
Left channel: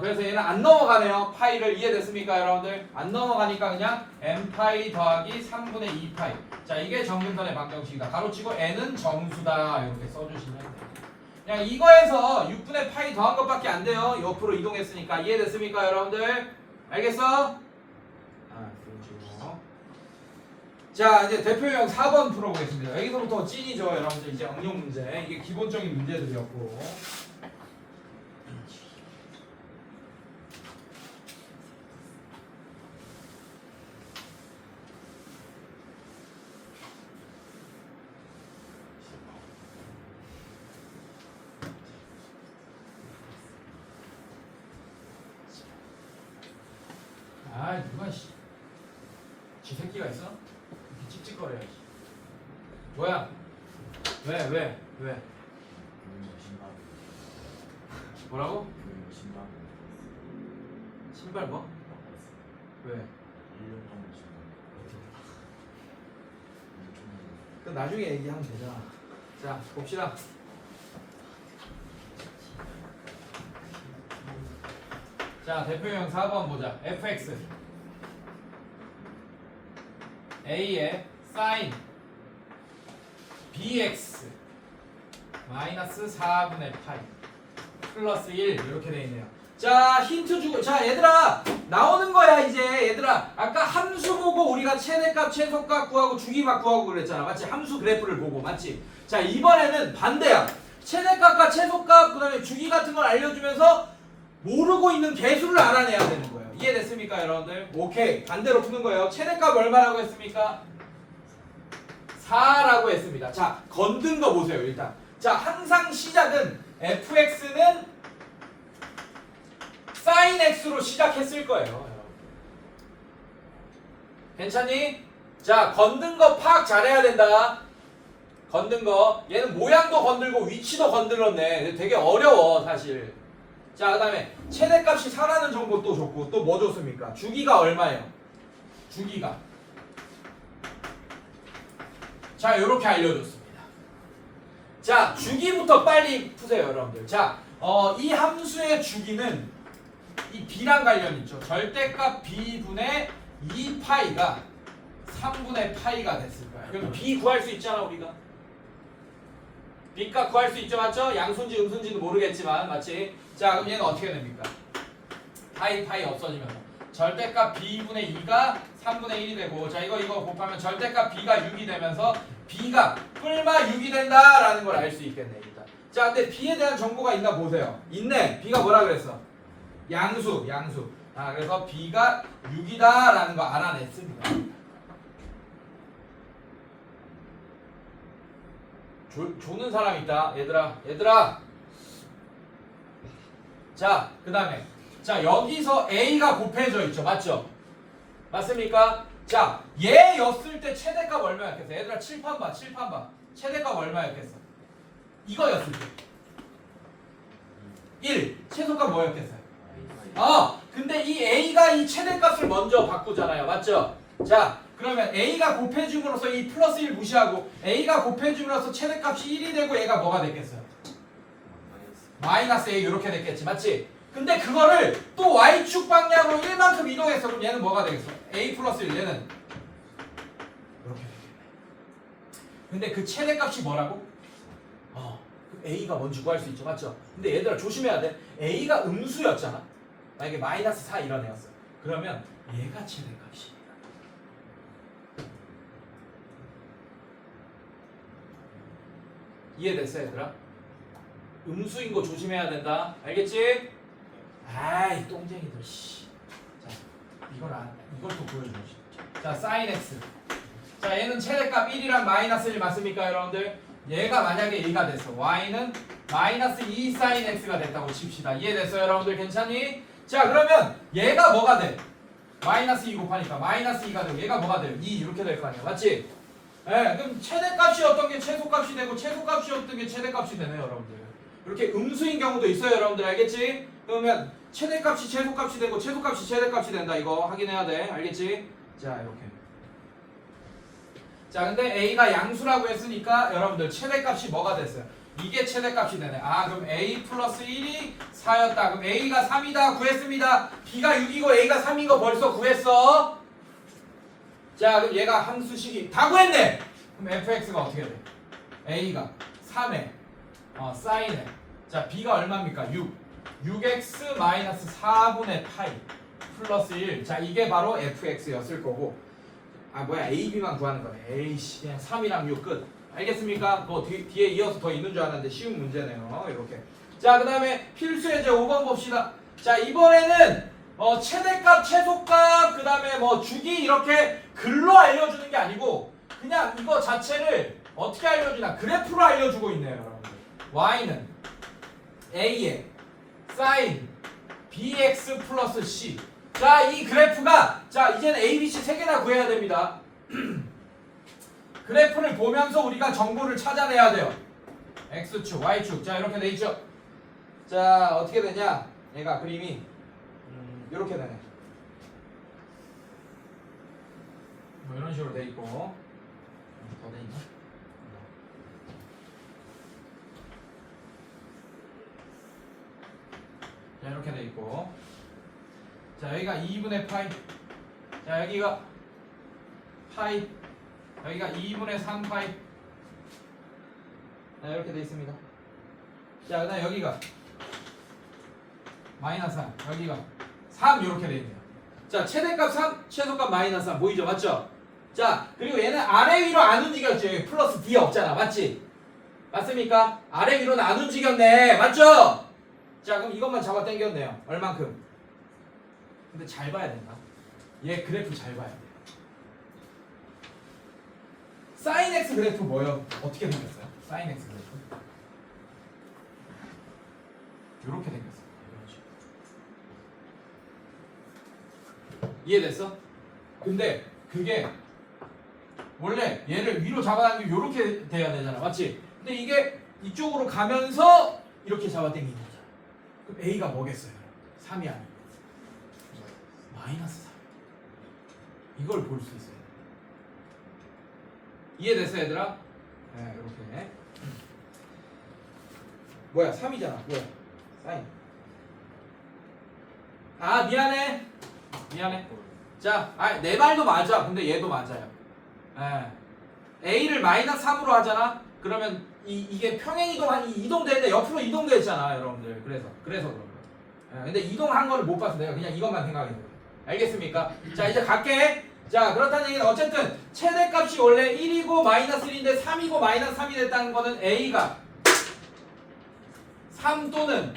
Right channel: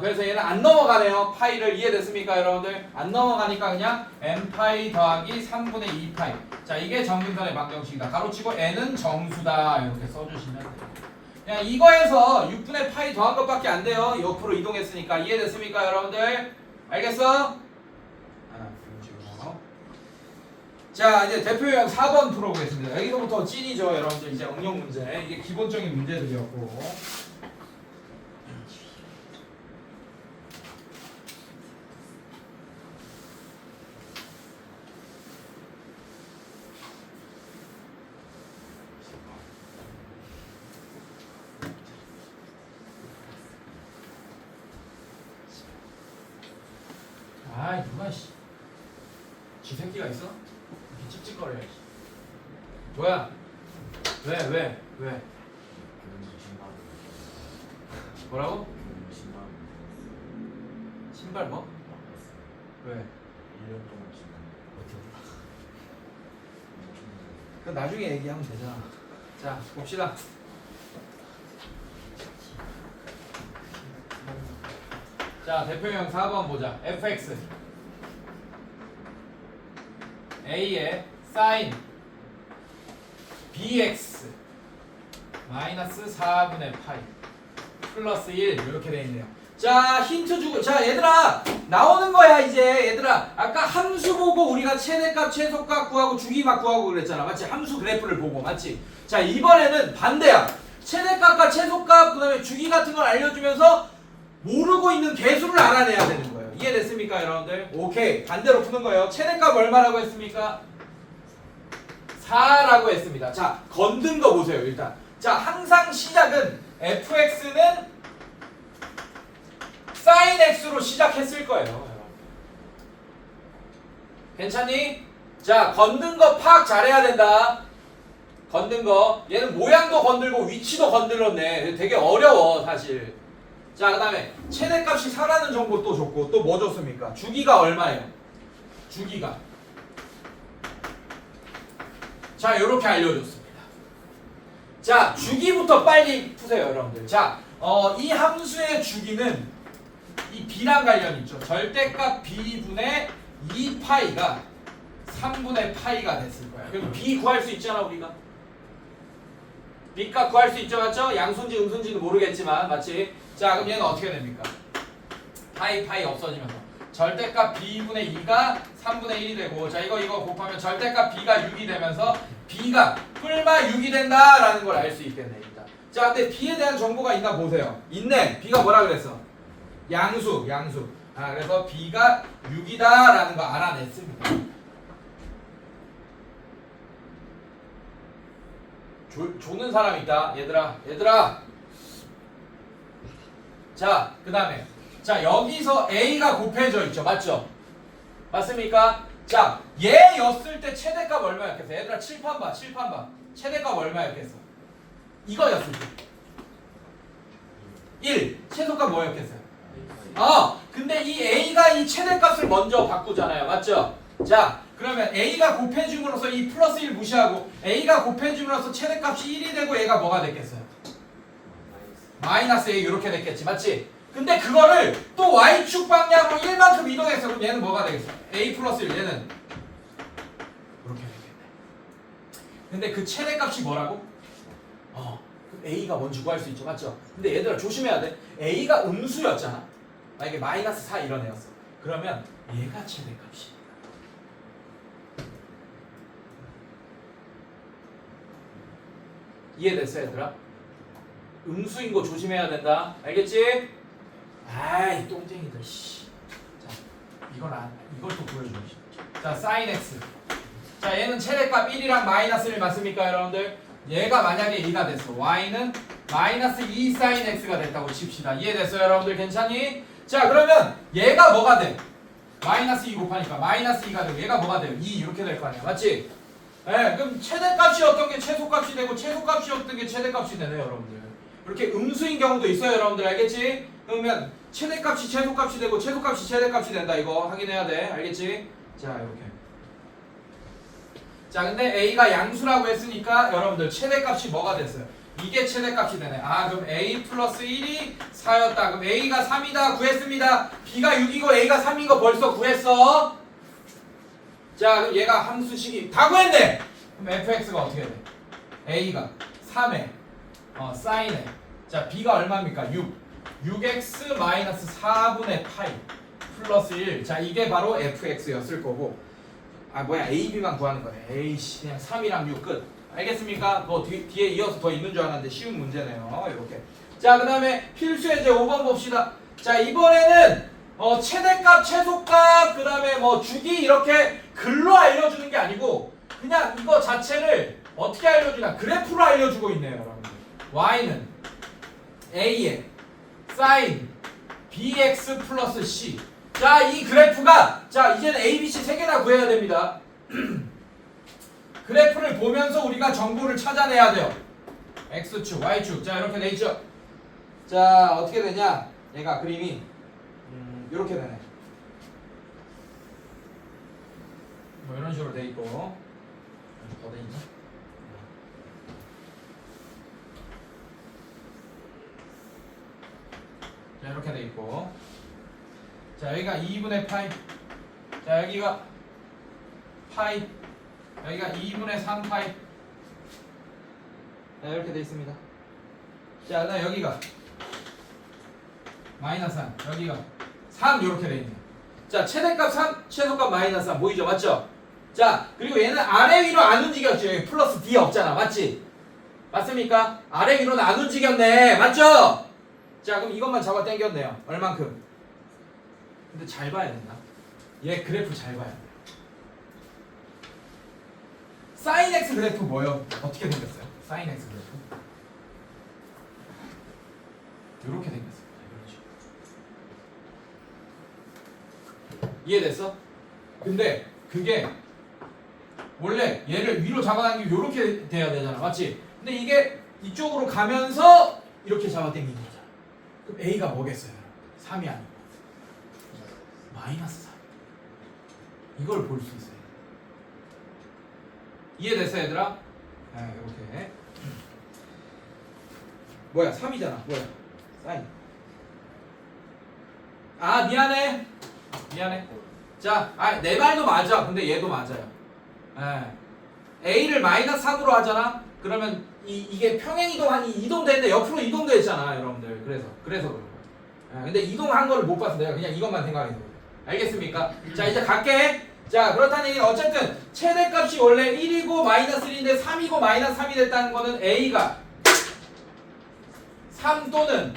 그래서 얘는 안 넘어가네요. 파이를. 이해됐습니까, 여러분들? 안 넘어가니까 그냥 n파이 더하기 3분의 2파이. 자, 이게 정근선의 방정식이다. 가로치고 n은 정수다. 이렇게 써주시면 돼요. 그냥 이거에서 6분의 파이 더한 것밖에 안 돼요. 옆으로 이동했으니까. 이해됐습니까, 여러분들? 알겠어? 그런 식으로. 자, 이제 대표 유형 4번 풀어보겠습니다. 여기서부터 찐이죠, 여러분들. 이제 응용 문제. 이게 기본적인 문제들이었고. 누가 지 새끼가 있어? 이렇게 찝찝거려. 뭐야? 왜? 뭐라고? 신발 뭐? 왜? 1년 동안 그 나중에 얘기하면 되잖아. 자, 봅시다. 자, 대표형 4번 보자. fx a의 sin bx 마이너스 4분의 파이 플러스 1 이렇게 돼 있네요. 자, 힌트 주고. 자, 얘들아 나오는 거야 이제. 얘들아 아까 함수 보고 우리가 최대값 최소값 구하고 주기값 구하고 그랬잖아. 맞지? 함수 그래프를 보고. 맞지? 자, 이번에는 반대야. 최대값과 최소값 그다음에 주기 같은 걸 알려주면서 모르고 있는 개수를 알아내야 되는 거예요. 이해됐습니까, 여러분들? 오케이. 반대로 푸는 거예요. 최대값 얼마라고 했습니까? 4라고 했습니다. 자, 건든 거 보세요, 일단. 자, 항상 시작은 fx는 sin x로 시작했을 거예요, 여러분. 괜찮니? 자, 건든 거 파악 잘해야 된다. 건든 거. 얘는 모양도 건들고 위치도 건들었네. 되게 어려워, 사실. 자, 그 다음에 최대값이 4라는 정보 또 줬고 또 뭐 줬습니까? 주기가 얼마예요? 주기가. 자, 요렇게 알려줬습니다. 자, 주기부터 빨리 푸세요, 여러분들. 자, 이 함수의 주기는 이 b랑 관련 있죠. 절대값 b분의 2파이가 3분의 파이가 됐을 거야. 그럼 b 구할 수 있잖아, 우리가. b값 구할 수 있죠, 맞죠? 양수인지 음수인지는 모르겠지만, 맞지? 자, 그럼 얘는 어떻게 됩니까? 파이 없어지면서 절대값 b분의 2가 3분의 1이 되고, 자, 이거 곱하면 절대값 b가 6이 되면서 b가 뿔마 6이 된다라는 걸 알 수 있겠네, 일단. 자, 근데 b에 대한 정보가 있나 보세요. 있네. b가 뭐라 그랬어? 양수. 아, 그래서 b가 6이다라는 거 알아냈습니다. 조는 사람 있다, 얘들아. 자, 그 다음에 자, 여기서 a가 곱해져 있죠, 맞죠? 맞습니까? 자, 얘였을 때 최대값 얼마였겠어? 얘들아, 칠판 봐. 최대값 얼마였겠어? 이거였을 때 1. 최소값 뭐였겠어요? 근데 이 a가 이 최대값을 먼저 바꾸잖아요, 맞죠? 자, 그러면 a가 곱해줌으로써 이 플러스 1 무시하고 a가 곱해줌으로써 최대값이 1이 되고 얘가 뭐가 됐겠어요? 마이너스 a 이렇게 됐겠지, 맞지? 근데 그거를 또 y축 방향으로 1만큼 이동했어. 그럼 얘는 뭐가 되겠어? a 플러스 1, 얘는 이렇게 되겠네. 근데 그 최대값이 뭐라고? a가 뭔지 구할 수 있죠, 맞죠? 근데 얘들아, 조심해야 돼. a가 음수였잖아. 만약에 마이너스 4 이런 애였어. 그러면 얘가 최대값이야. 이해됐어, 얘들아? 음수인 거 조심해야 된다. 알겠지? 아이, 똥쟁이들. 씨. 자, 이걸 또 보여주고 싶어. 자, sin x. 자, 얘는 최대값 1이랑 마이너스 1 맞습니까, 여러분들? 얘가 만약에 2가 됐어. y는 마이너스 2 sin x가 됐다고 칩시다. 이해됐어요, 여러분들? 괜찮니? 자, 그러면 얘가 뭐가 돼? 마이너스 2 곱하니까 마이너스 2가 되고, 얘가 뭐가 돼요? 2 이렇게 될 거 아니야, 맞지? 예, 그럼 최대값이었던 게 최소값이 되고, 최소값이었던 게 최대값이 되네요, 여러분들. 이렇게 음수인 경우도 있어요, 여러분들. 알겠지? 그러면 최대값이 최소값이 되고, 최소값이 최대값이 된다. 이거 확인해야 돼. 알겠지? 자, 이렇게. 자, 근데 a가 양수라고 했으니까 여러분들 최대값이 뭐가 됐어요? 이게 최대값이 되네. 그럼 a 플러스 1이 4였다. 그럼 a가 3이다. 구했습니다. b가 6이고 a가 3인 거 벌써 구했어. 자, 그럼 얘가 함수식이 다 구했네. 그럼 fx가 어떻게 돼? a가 3에 sin에, 자, b가 얼마입니까? 6x 마이너스 4분의 파이 플러스 1. 자, 이게 바로 fx였을 거고, a, b만 구하는 거네. 에이씨, 그냥 3이랑 6 끝. 알겠습니까? 더 뒤에 이어서 더 있는 줄 알았는데 쉬운 문제네요. 이렇게. 자, 그 다음에 필수 예제 5번 봅시다. 자, 이번에는 최대값, 최소값, 그 다음에 주기 이렇게 글로 알려주는 게 아니고 그냥 이거 자체를 어떻게 알려주냐, 그래프로 알려주고 있네요, 여러분들. y는 a에 sin bx 플러스 c. 자, 이 그래프가, 자, 이제는 a, b, c 세 개나 구해야 됩니다. 그래프를 보면서 우리가 정보를 찾아내야 돼요. x축, y축. 자, 이렇게 돼 있죠. 자, 어떻게 되냐, 얘가 그림이 이렇게 되네. 이런 식으로 돼 있고, 더 돼 있나? 자, 이렇게 돼 있고, 자, 여기가 2분의 파이, 자, 여기가 파이, 여기가 2분의 3파이. 자, 이렇게 돼 있습니다. 자, 그다음 여기가 마이너스 3, 여기가 3 이렇게 돼 있네요. 자, 최대값 3, 최소값 마이너스 3 보이죠, 맞죠? 자, 그리고 얘는 아래 위로 안 움직였죠. 여기 플러스 D 없잖아, 맞지? 맞습니까? 아래 위로는 안 움직였네, 맞죠? 자, 그럼 이것만 잡아 당겼네요. 얼만큼? 근데 잘 봐야 된다. 얘 그래프 잘 봐야 돼. sin x 그래프 뭐예요? 어떻게 생겼어요? sin x 그래프 이렇게 생겼어요. 이해됐어? 근데 그게 원래 얘를 위로 잡아당기면 이렇게 돼야 되잖아, 맞지? 근데 이게 이쪽으로 가면서 이렇게 잡아당기는 거잖아. 그럼 a가 뭐겠어요? 3이 아니고 마이너스 3. 이걸 볼 수 있어요. 이해됐어, 얘들아? 네, 이렇게. 뭐야 3이잖아. 뭐야 사인. 아 미안해. 자, 내 말도 맞아. 근데 얘도 맞아요. A를 마이너스 3으로 하잖아. 그러면 이게 평행 이동하니 이동되는데 옆으로 이동됐잖아, 여러분들. 그래서 그런 거야. 근데 이동한 거를 못 봐서 내가 그냥 이것만 생각했어요. 알겠습니까? 자, 이제 갈게. 자, 그렇다는 얘기는 어쨌든 최대값이 원래 1이고 마이너스 1인데 3이고 마이너스 3이 됐다는 거는 A가 3 또는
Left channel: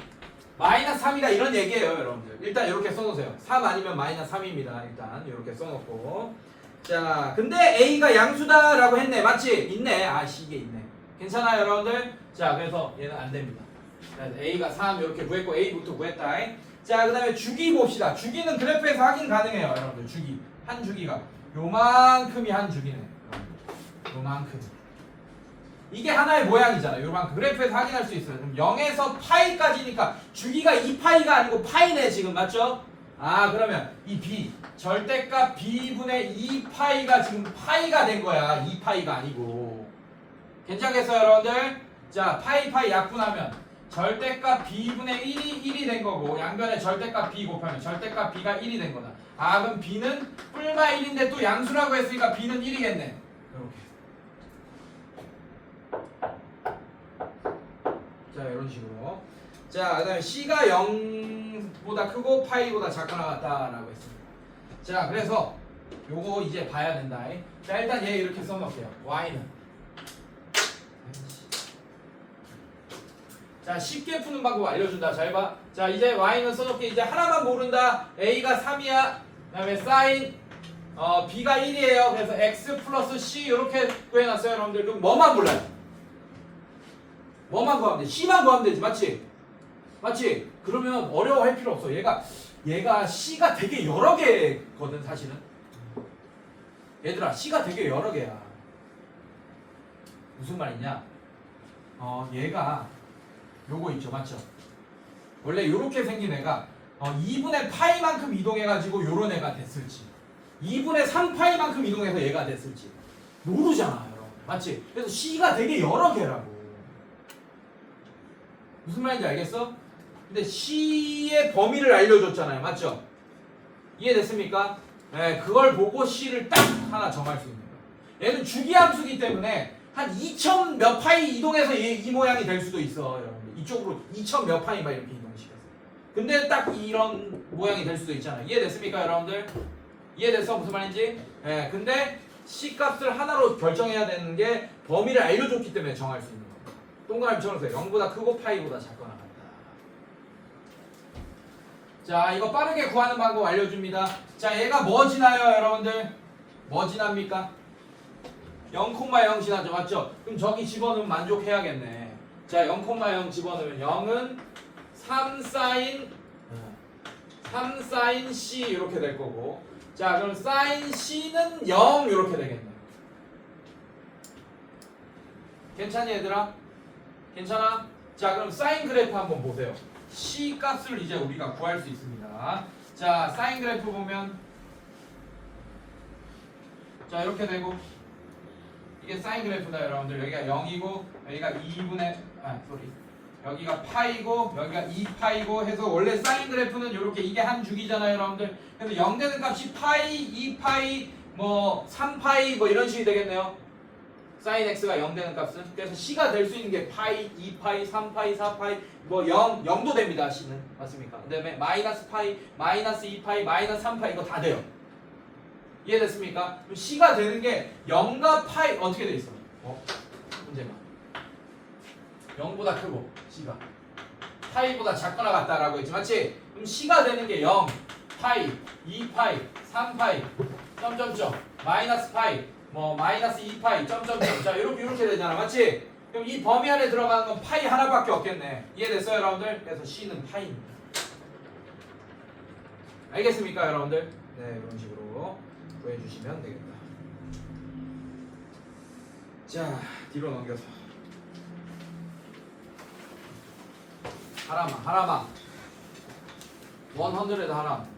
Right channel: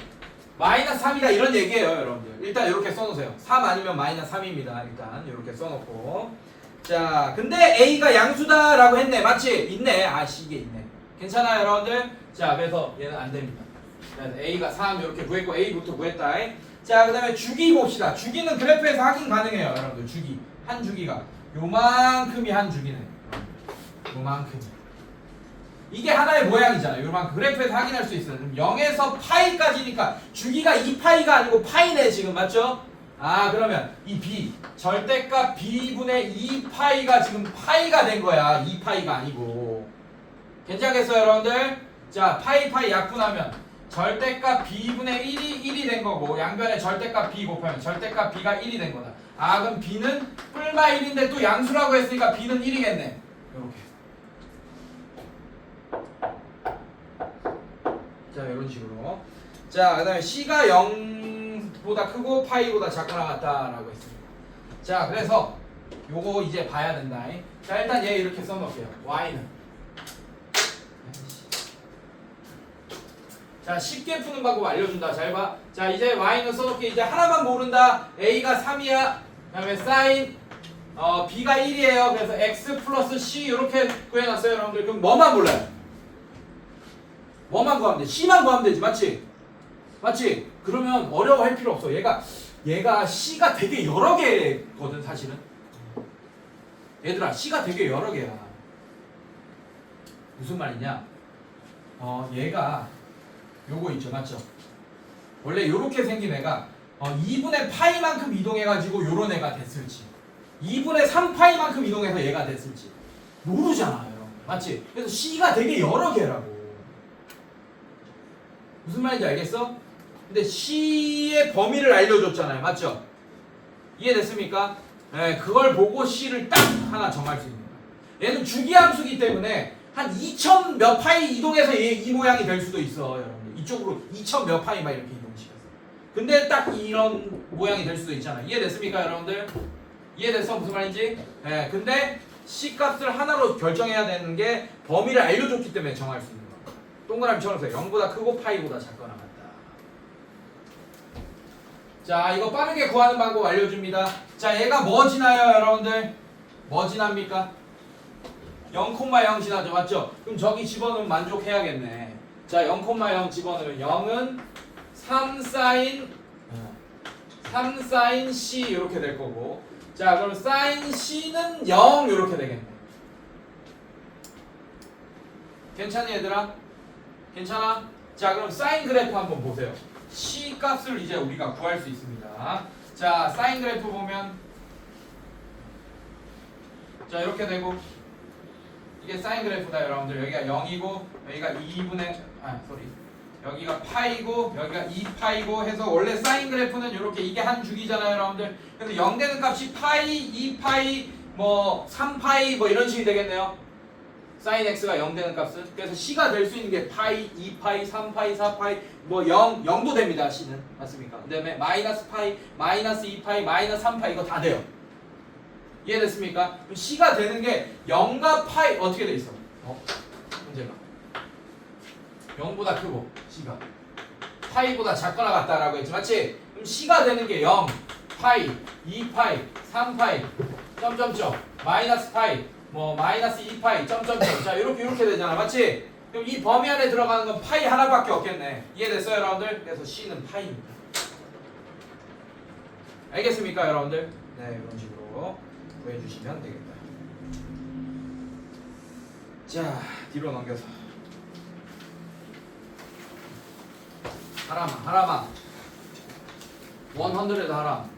마이너스 3이다 이런 얘기예요, 여러분들. 일단 이렇게 써놓으세요. 3 아니면 마이너스 3입니다. 일단 이렇게 써놓고. 자, 근데 A가 양수다라고 했네. 맞지? 있네. 아씨, 이게 있네. 괜찮아요, 여러분들? 자, 그래서 얘는 안 됩니다. 그래서 A가 3 이렇게 구했고 A부터 구했다. 자, 그 다음에 주기 봅시다. 주기는 그래프에서 확인 가능해요, 여러분들. 주기. 한 주기가. 요만큼이 한 주기네. 요만큼. 이게 하나의 모양이잖아요. 요만큼. 그래프에서 확인할 수 있어요. 그럼 0에서 파이까지니까 주기가 2파이가 아니고 파이네, 지금. 맞죠? 아, 그러면 이 B. 절대값 B분의 2파이가 지금 파이가 된 거야. 2파이가 아니고. 괜찮겠어요, 여러분들? 자, 파이 약분하면 절대값 B분의 1이 된 거고 양변에 절대값 B 곱하면 절대값 B가 1이 된 거다. 아, 그럼 B는 뿔마 1인데 또 양수라고 했으니까 B는 1이겠네. 이렇게. 자, 이런 식으로. 자, 그 다음에 C가 0보다 크고 파이보다 작거나 같다라고 했습니다. 자, 그래서 요거 이제 봐야 된다. 자, 일단 얘 이렇게 써놓을게요. Y는. 자, 쉽게 푸는 방법 알려준다. 잘 봐. 자, 이제 Y는 써놓게. 이제 하나만 모른다. A가 3이야. 그 다음에 사인 B가 1이에요. 그래서 X 플러스 C 이렇게 구해놨어요, 여러분들. 그럼 뭐만 몰라요? 뭐만 구하면 돼? C만 구하면 되지. 맞지? 맞지? 그러면 어려워할 필요 없어. 얘가 C가 되게 여러 개거든, 사실은. 얘들아, C가 되게 여러 개야. 무슨 말이냐? 얘가 요거 있죠, 맞죠? 원래 요렇게 생긴 애가 2분의 파이만큼 이동해가지고 요런 애가 됐을지 2분의 3파이만큼 이동해서 얘가 됐을지 모르잖아, 여러분. 맞지? 그래서 C가 되게 여러 개라고. 무슨 말인지 알겠어? 근데 C의 범위를 알려줬잖아요, 맞죠? 이해됐습니까? 네, 그걸 보고 C를 딱 하나 정할 수 있는 거야. 얘는 주기함수기 때문에 한 2000 몇 파이 이동해서 이 모양이 될 수도 있어, 여러분. 이쪽으로 2000 몇 파이 막 이렇게 이동시켰어. 근데 딱 이런 모양이 될 수도 있잖아. 이해됐습니까, 여러분들? 이해됐어? 무슨 말인지? 네, 근데 C 값을 하나로 결정해야 되는 게 범위를 알려줬기 때문에 정할 수 있는 거야. 동그라미 쳐놓으세요. 0보다 크고 파이보다 작거나 같다. 자, 이거 빠르게 구하는 방법 알려줍니다. 자, 얘가 뭐 지나요, 여러분들? 뭐 지납니까? 0,0 지나죠, 맞죠? 그럼 저기 집어넣으면 만족해야겠네. 자, 0,0 집어넣으면 0은 3 사인 C 이렇게 될 거고, 자, 그럼 사인 C는 0 이렇게 되겠네. 괜찮니, 얘들아? 괜찮아? 자, 그럼 사인 그래프 한번 보세요. C 값을 이제 우리가 구할 수 있습니다. 자, 사인 그래프 보면 자, 이렇게 되고, 이게 사인 그래프다, 여러분들. 여기가 0이고 여기가 2분의 여기가 파이고 여기가 2파이고 해서 원래 사인 그래프는 이렇게 이게 한 주기잖아요, 여러분들. 그래서 0 되는 값이 파이, 2파이, 뭐 3파이 뭐 이런 식이 되겠네요. 사인 x가 0 되는 값은. 그래서 C가 될 수 있는 게 파이, 2파이, 3파이, 4파이 뭐 0도 됩니다, C는. 맞습니까? 그 다음에 마이너스 파이, 마이너스 2파이, 마이너스 3파이 이거 다 돼요. 이해됐습니까? 그럼 C가 되는 게 0과 파이 어떻게 돼 있어? 문제가 0보다 크고 C가 파이보다 작거나 같다라고 했지, 맞지? 그럼 C가 되는 게 0, 파이, 2파이, 3파이, 점점점, 마이너스 파이, 뭐 마이너스 2파이, 점점점. 자, 이렇게 되잖아, 맞지? 그럼 이 범위 안에 들어가는 건 파이 하나밖에 없겠네. 이해됐어요, 여러분들? 그래서 C는 파이입니다. 알겠습니까, 여러분들? 네, 이런 식으로 구해주시면 되겠다. 자, 뒤로 넘겨서 하라마 100 하람.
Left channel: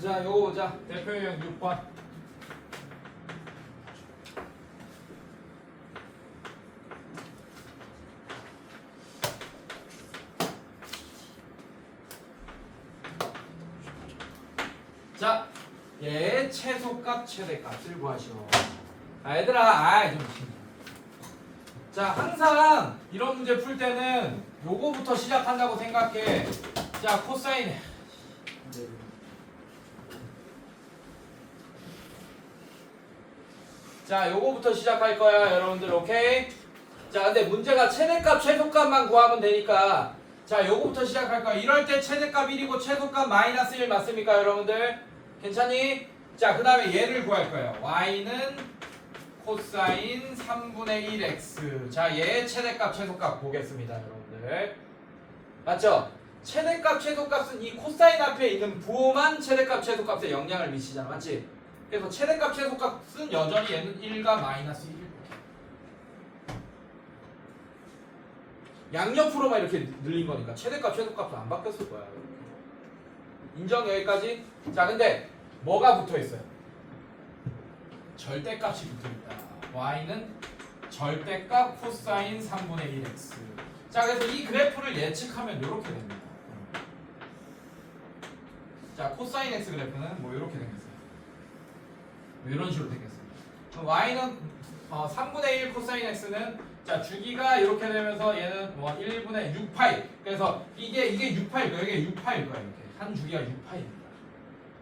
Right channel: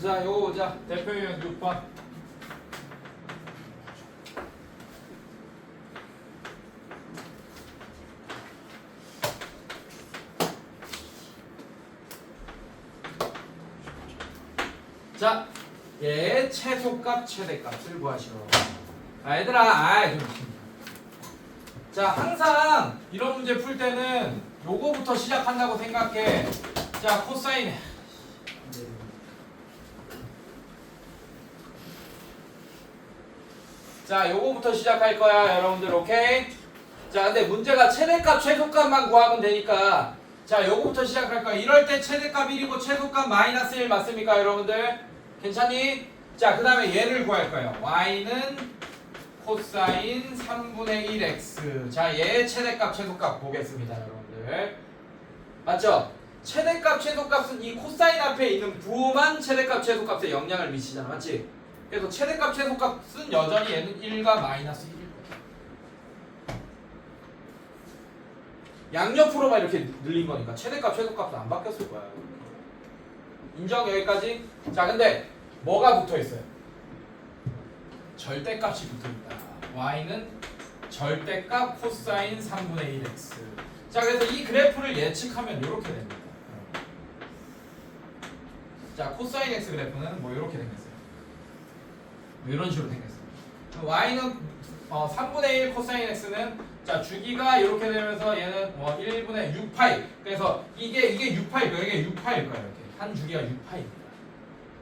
자, 요거 보자. 대표 유형 6번. 자, 얘 최소값, 최대값을 구하시오. 아, 얘들아, 좀 자, 항상 이런 문제 풀 때는 요거부터 시작한다고 생각해. 자, 코사인. 자, 요거부터 시작할 거야, 여러분들. 오케이? 자, 근데 문제가 최대값, 최소값만 구하면 되니까. 자, 요거부터 시작할 거야. 이럴 때 최대값 1이고 최소값 마이너스 1 맞습니까, 여러분들? 괜찮니? 자, 그 다음에 얘를 구할 거예요. y는 코사인 3분의 1x. 자, 얘의 최대값, 최소값 보겠습니다, 여러분들. 맞죠? 최대값, 최소값은 이 코사인 앞에 있는 부호만 최대값, 최소값에 영향을 미치잖아. 맞지? 그래서 최대값, 최소값은 여전히 얘는 1과 마이너스 1일 거야. 양옆으로만 이렇게 늘린 거니까 최대값, 최소값은 안 바뀌었을 거야. 인정? 여기까지? 자, 근데 뭐가 붙어 있어요? 절대값이 붙어 있다. y는 절대값 코사인 3분의 1x. 자, 그래서 이 그래프를 예측하면 이렇게 됩니다. 자, 코사인 x 그래프는 뭐 이렇게 생겼어요. 뭐 이런 식으로 생겼어요. y는 3분의 1 코사인 x는 자, 주기가 이렇게 되면서 얘는 1분의 6파이. 그래서 이게 6파일 거예요. 이게 6파일 거예요. 이렇게. 한 주기가 6파입니다.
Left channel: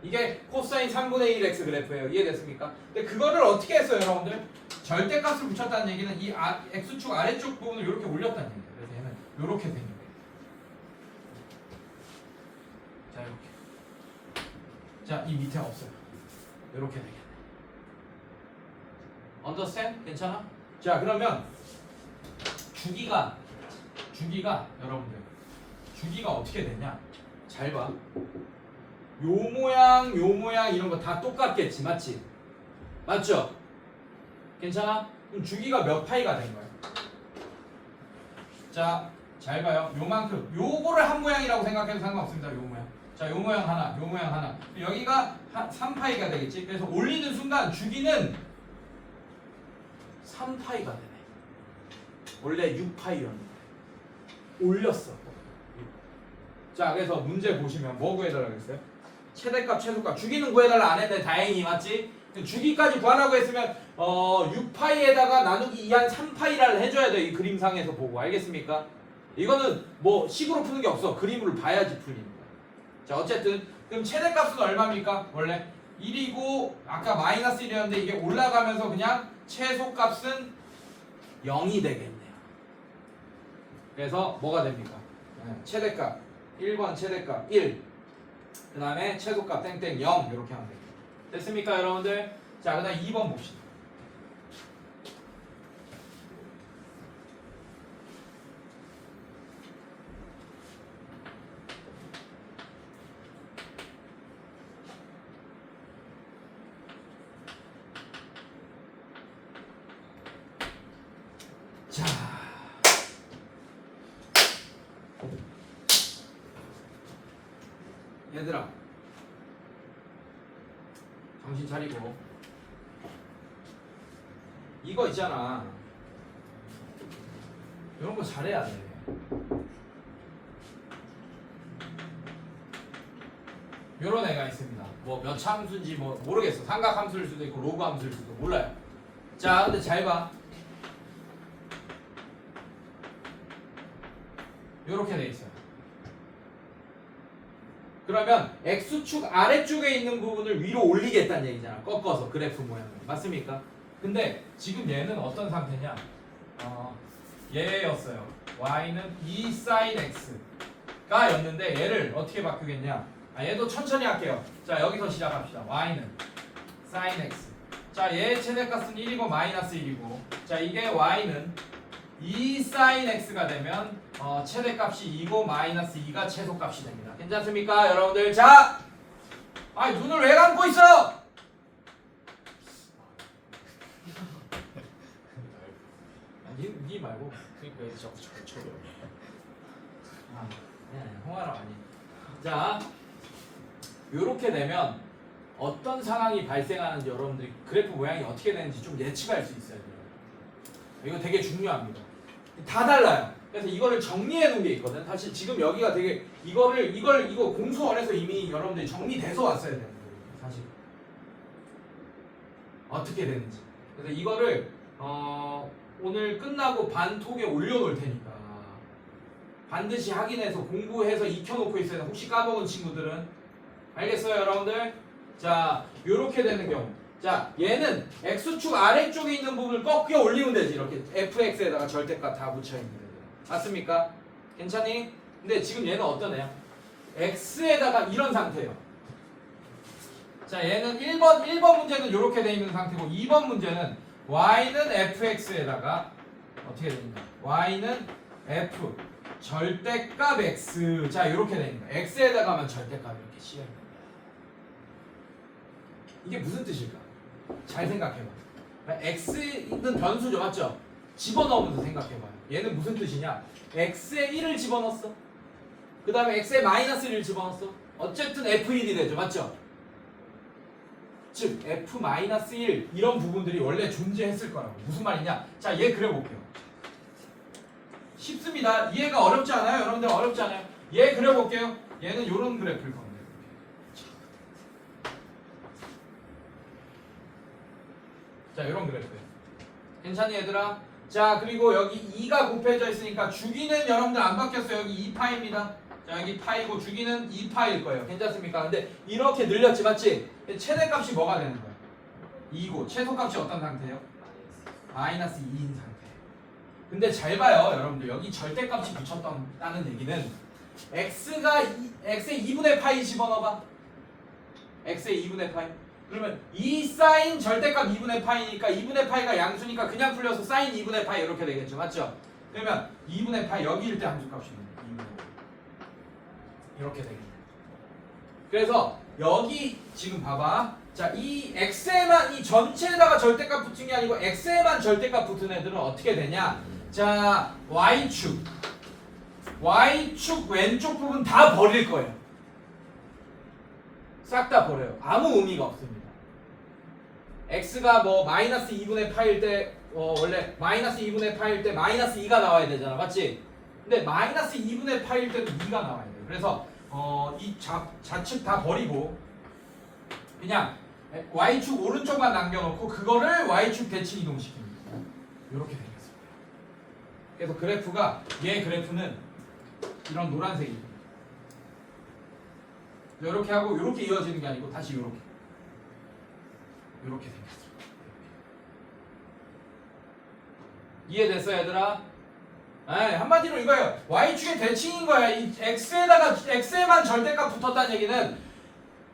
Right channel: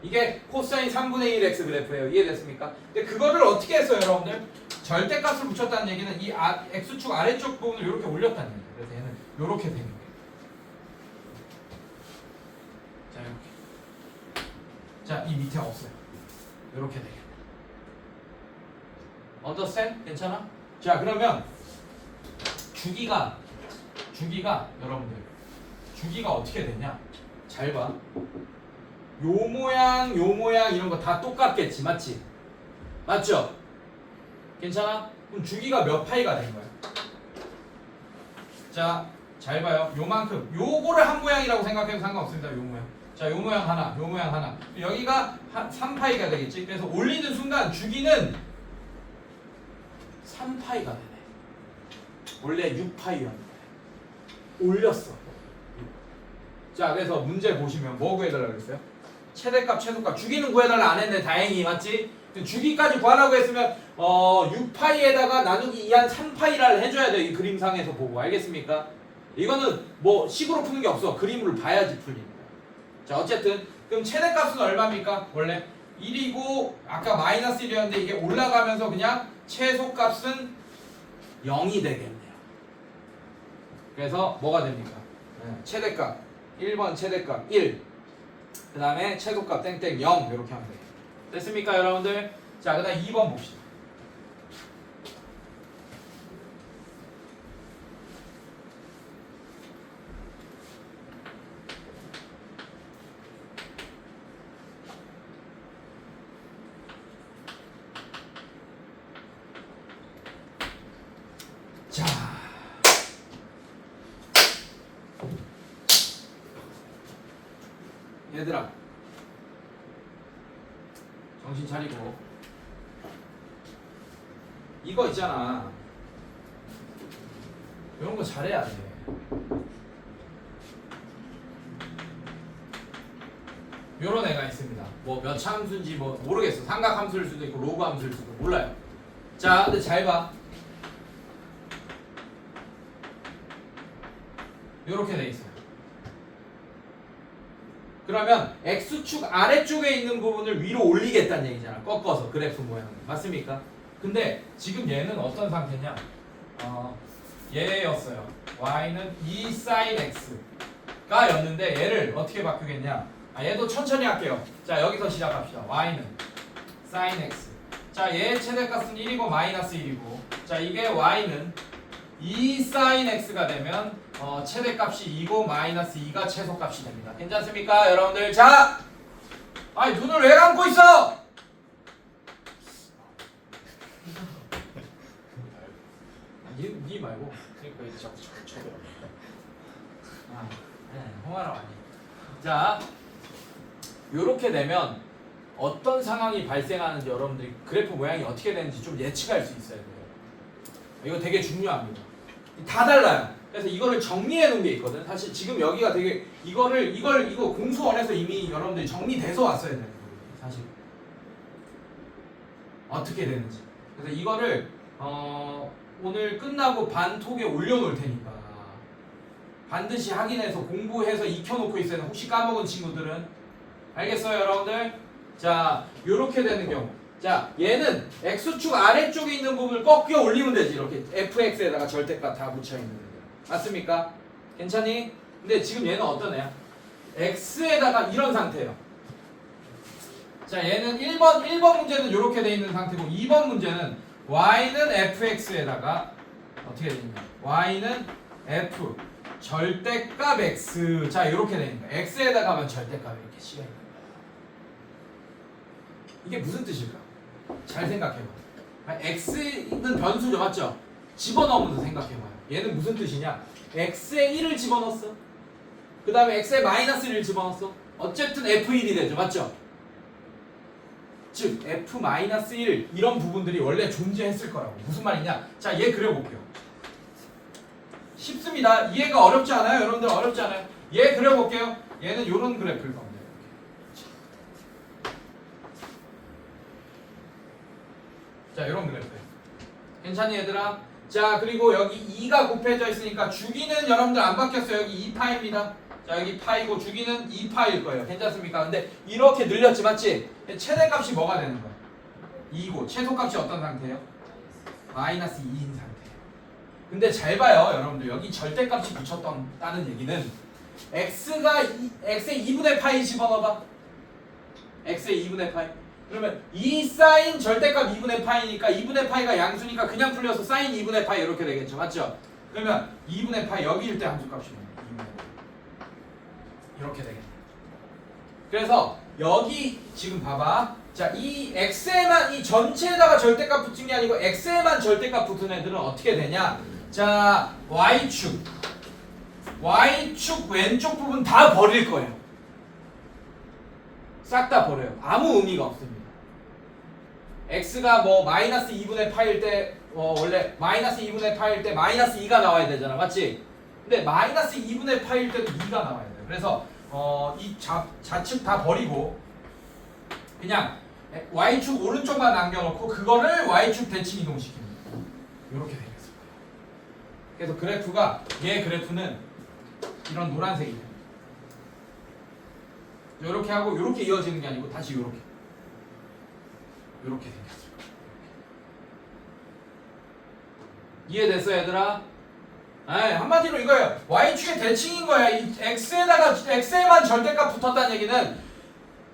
이게 코사인 3분의 1x 그래프예요. 이해됐습니까? 근데 그거를 어떻게 했어요, 여러분들? 절대값을 붙였다는 얘기는 이 x축 아래쪽 부분을 이렇게 올렸다는 얘기예요. 그래서 얘는 이렇게 되는 거예요. 자, 이렇게. 자, 이 밑에 없어요. 이렇게 되게. understand? 괜찮아? 자, 그러면 주기가 여러분들 주기가 어떻게 되냐? 잘 봐. 요 모양 이런 거 다 똑같겠지, 맞지? 맞죠? 괜찮아? 그럼 주기가 몇 파이가 된 거야? 자, 잘 봐요. 요만큼. 요거를 한 모양이라고 생각해도 상관없습니다. 요 모양. 자, 요 모양 하나, 요 모양 하나. 여기가 3파이가 되겠지? 그래서 올리는 순간 주기는 3파이가 되네. 원래 6파이였는데 올렸어. 자, 그래서 문제 보시면 뭐 구해달라고 했어요? 최대값, 최소값. 주기는 구해달라 안 했네. 다행히. 맞지? 주기까지 구하라고 했으면 6파이에다가 나누기 2한 3파이를 해줘야 돼. 이 그림상에서 보고. 알겠습니까? 이거는 뭐 식으로 푸는 게 없어. 그림을 봐야지 풀리는 거야. 자, 어쨌든 그럼 최대값은 얼마입니까? 원래 1이고 아까 마이너스 1이었는데 이게 올라가면서 그냥 최소값은 0이 되겠네요. 그래서 뭐가 됩니까? 최대값 1번 최대값 1, 그 다음에 최소값 땡땡 0 이렇게 하면 돼요. 됐습니까, 여러분들? 자, 그 다음 2번 봅시다. 자, 얘들아 정신 차리고 이거 있잖아. 이런 거 잘해야 돼. 요런 애가 있습니다. 뭐 몇 참수인지 뭐 모르겠어. 삼각함수일 수도 있고 로그 함수일 수도 몰라요. 자, 근데 잘 봐. 요렇게 돼 있어요. 그러면 x축 아래쪽에 있는 부분을 위로 올리겠다는 얘기잖아. 꺾어서 그래프 모양을. 맞습니까? 근데 지금 얘는 어떤 상태냐? 얘였어요. y는 2 sin x가 였는데 얘를 어떻게 바꾸겠냐? 얘도 천천히 할게요. 자, 여기서 시작합시다. y는 sin x. 자, 얘의 최대값은 1이고 마이너스 1이고. 자, 이게 y는 2 sin x가 되면 최대값이 2고 마이너스 2가 최소값이 됩니다. 괜찮습니까, 여러분들? 자, 아니 눈을 왜 감고 있어? 니 말고. 그러니까 이제 자꾸 쳐들어. 홍아라 아니. 자, 요렇게 되면 어떤 상황이 발생하는지 여러분들이 그래프 모양이 어떻게 되는지 좀 예측할 수 있어야 돼요. 이거 되게 중요합니다. 다 달라요. 그래서 이거를 정리해 놓은 게 있거든. 사실 지금 여기가 되게 이거 공수원에서 이미 여러분들이 정리돼서 왔어야 돼요. 사실 어떻게 되는지. 그래서 이거를 오늘 끝나고 반톡에 올려놓을 테니까 반드시 확인해서 공부해서 익혀놓고 있어야 돼. 혹시 까먹은 친구들은 알겠어요, 여러분들? 자, 요렇게 되는 경우. 자, 얘는 x축 아래쪽에 있는 부분을 꺾여 올리면 되지. 이렇게 fx에다가 절대값 다 붙여있는 애들. 맞습니까? 괜찮니? 근데 지금 얘는 어떤 애야? x에다가 이런 상태예요. 자, 얘는 1번 문제는 이렇게 돼 있는 상태고 2번 문제는 y는 fx에다가 어떻게 되는가? y는 f 절대값 x. 자, 이렇게 돼 있는 거야. x에다가 하면 절대값 이렇게 씌워 있는 거야. 이게 무슨 뜻일까? 잘 생각해봐. x는 변수죠, 맞죠? 집어넣으면서 생각해봐요. 얘는 무슨 뜻이냐? x에 1을 집어넣었어. 그 다음에 x에 마이너스 1을 집어넣었어. 어쨌든 f1이 되죠, 맞죠? 즉 f-1 이런 부분들이 원래 존재했을 거라고. 무슨 말이냐? 자, 얘 그려볼게요. 쉽습니다. 이해가 어렵지 않아요? 여러분들 어렵지 않아요? 얘 그려볼게요. 얘는 이런 그래프일 겁니다. 자, 이런 그래프. 괜찮니 얘들아? 자, 그리고 여기 2가 곱해져 있으니까 주기는 여러분들 안 바뀌었어요. 여기 2파입니다. 자, 여기 파이고 주기는 2파일 거예요. 괜찮습니까? 근데 이렇게 늘렸지, 맞지? 최대값이 뭐가 되는 거야? 2고 최소값이 어떤 상태예요? 마이너스 2인 상태예요. 근데 잘 봐요, 여러분들. 여기 절대값이 붙였다는 얘기는 x에 2분의 파이 집어넣어봐. x에 2분의 파이. 그러면 2 사인 절대값 2분의 파이니까 2분의 파이가 양수니까 그냥 풀려서 사인 2분의 파이 이렇게 되겠죠, 맞죠? 그러면 2분의 파이 여기일 때 함수값이 2분의 파이 이렇게 되겠네. 그래서 여기 지금 봐봐. 자, 이 x에만 이 전체에다가 절대값 붙은 게 아니고 x에만 절대값 붙은 애들은 어떻게 되냐? 자, y축 왼쪽 부분 다 버릴 거예요. 싹 다 버려요. 아무 의미가 없습니다. x가 뭐 마이너스 2분의 파일 때 원래 마이너스 2분의 파일 때 마이너스 2가 나와야 되잖아, 맞지? 근데 마이너스 2분의 파일 때도 2가 나와야 돼요. 그래서 이 좌측 다 버리고 그냥 y축 오른쪽만 남겨놓고 그거를 y축 대칭 이동시킵니다. 이렇게 되겠습니다. 그래서 그래프가 얘 그래프는 이런 노란색이고 이렇게 하고 이렇게 이어지는 게 아니고 다시 이렇게 생겼습니다. 이해됐어, 얘들아? 한마디로 이거예요. y축의 대칭인 거야. 이 x에만 절대값 붙었다는 얘기는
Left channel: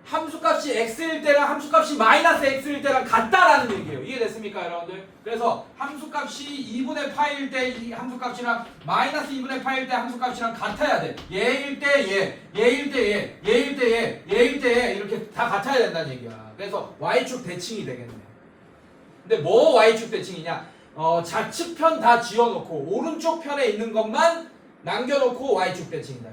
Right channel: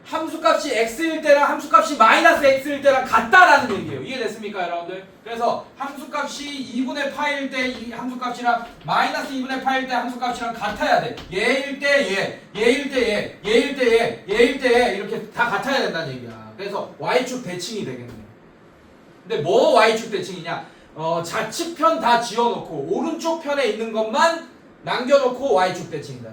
함수값이 x일 때랑 함수값이 마이너스 x일 때랑 같다라는 얘기예요. 이해됐습니까, 여러분들? 그래서 함수값이 2분의 파일 때 이 함수값이랑 마이너스 2분의 파일 때 함수값이랑 같아야 돼. 얘일 때 얘일 때 얘일 때 얘일 때 얘 이렇게 다 같아야 된다는 얘기야. 그래서 y축 대칭이 되겠네. 근데 뭐 y축 대칭이냐? 좌측편 다 지워놓고 오른쪽 편에 있는 것만 남겨놓고 y축 대칭이다.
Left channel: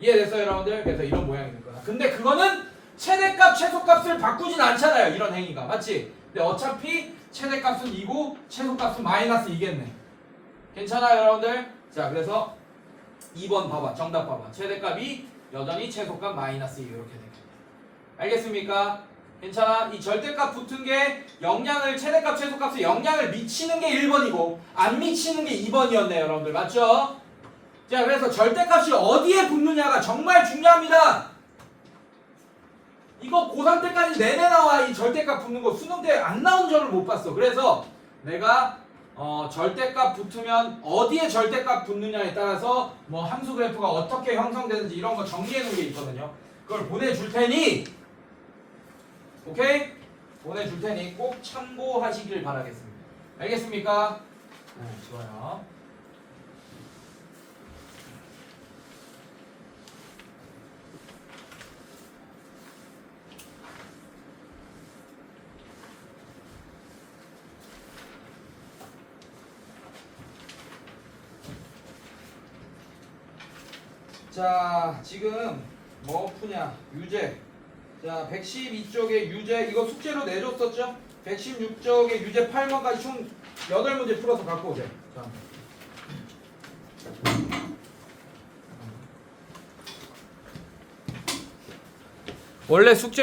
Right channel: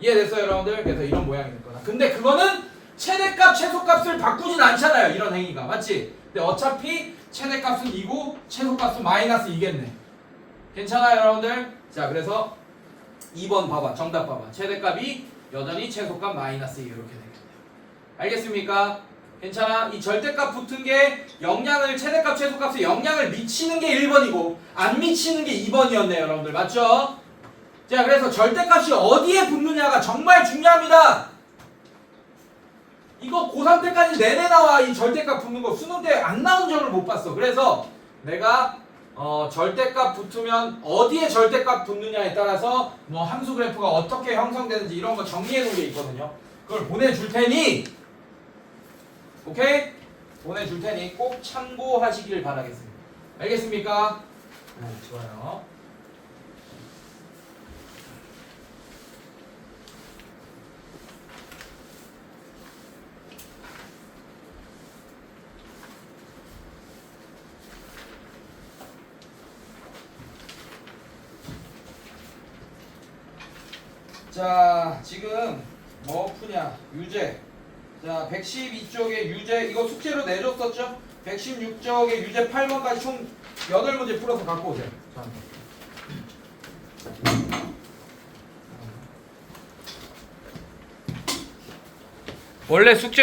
이해됐어요, 여러분들? 그래서 이런 모양이 될 거다. 근데 그거는 최대값, 최소값을 바꾸진 않잖아요. 이런 행위가. 맞지? 근데 어차피 최대값은 2고 최소값은 마이너스 2겠네. 괜찮아요, 여러분들? 자, 그래서 2번 봐봐. 정답 봐봐. 최대값이 여전히 최소값 마이너스 2 이렇게 되겠네요. 알겠습니까? 괜찮아? 이 절대값 붙은 게 영향을 최대값, 최소값에 영향을 미치는 게 1번이고 안 미치는 게 2번이었네요, 여러분들. 맞죠? 자, 그래서 절대값이 어디에 붙느냐가 정말 중요합니다. 이거 고3 때까지 내내 나와. 이 절대값 붙는 거 수능 때 안 나온 적을 못 봤어. 그래서 내가 절대값 붙으면 어디에 절대값 붙느냐에 따라서 뭐 함수 그래프가 어떻게 형성되는지 이런 거 정리해 놓은 게 있거든요. 그걸 보내줄 테니 오케이? 보내줄 테니 꼭 참고하시길 바라겠습니다. 알겠습니까? 좋아요. 자, 지금 뭐 푸냐? 유제. 자, 112쪽에 유제 이거 숙제로 내줬었죠? 116쪽에 유제 8번까지 총 8문제 풀어서 갖고 오세요. 자. 원래 숙제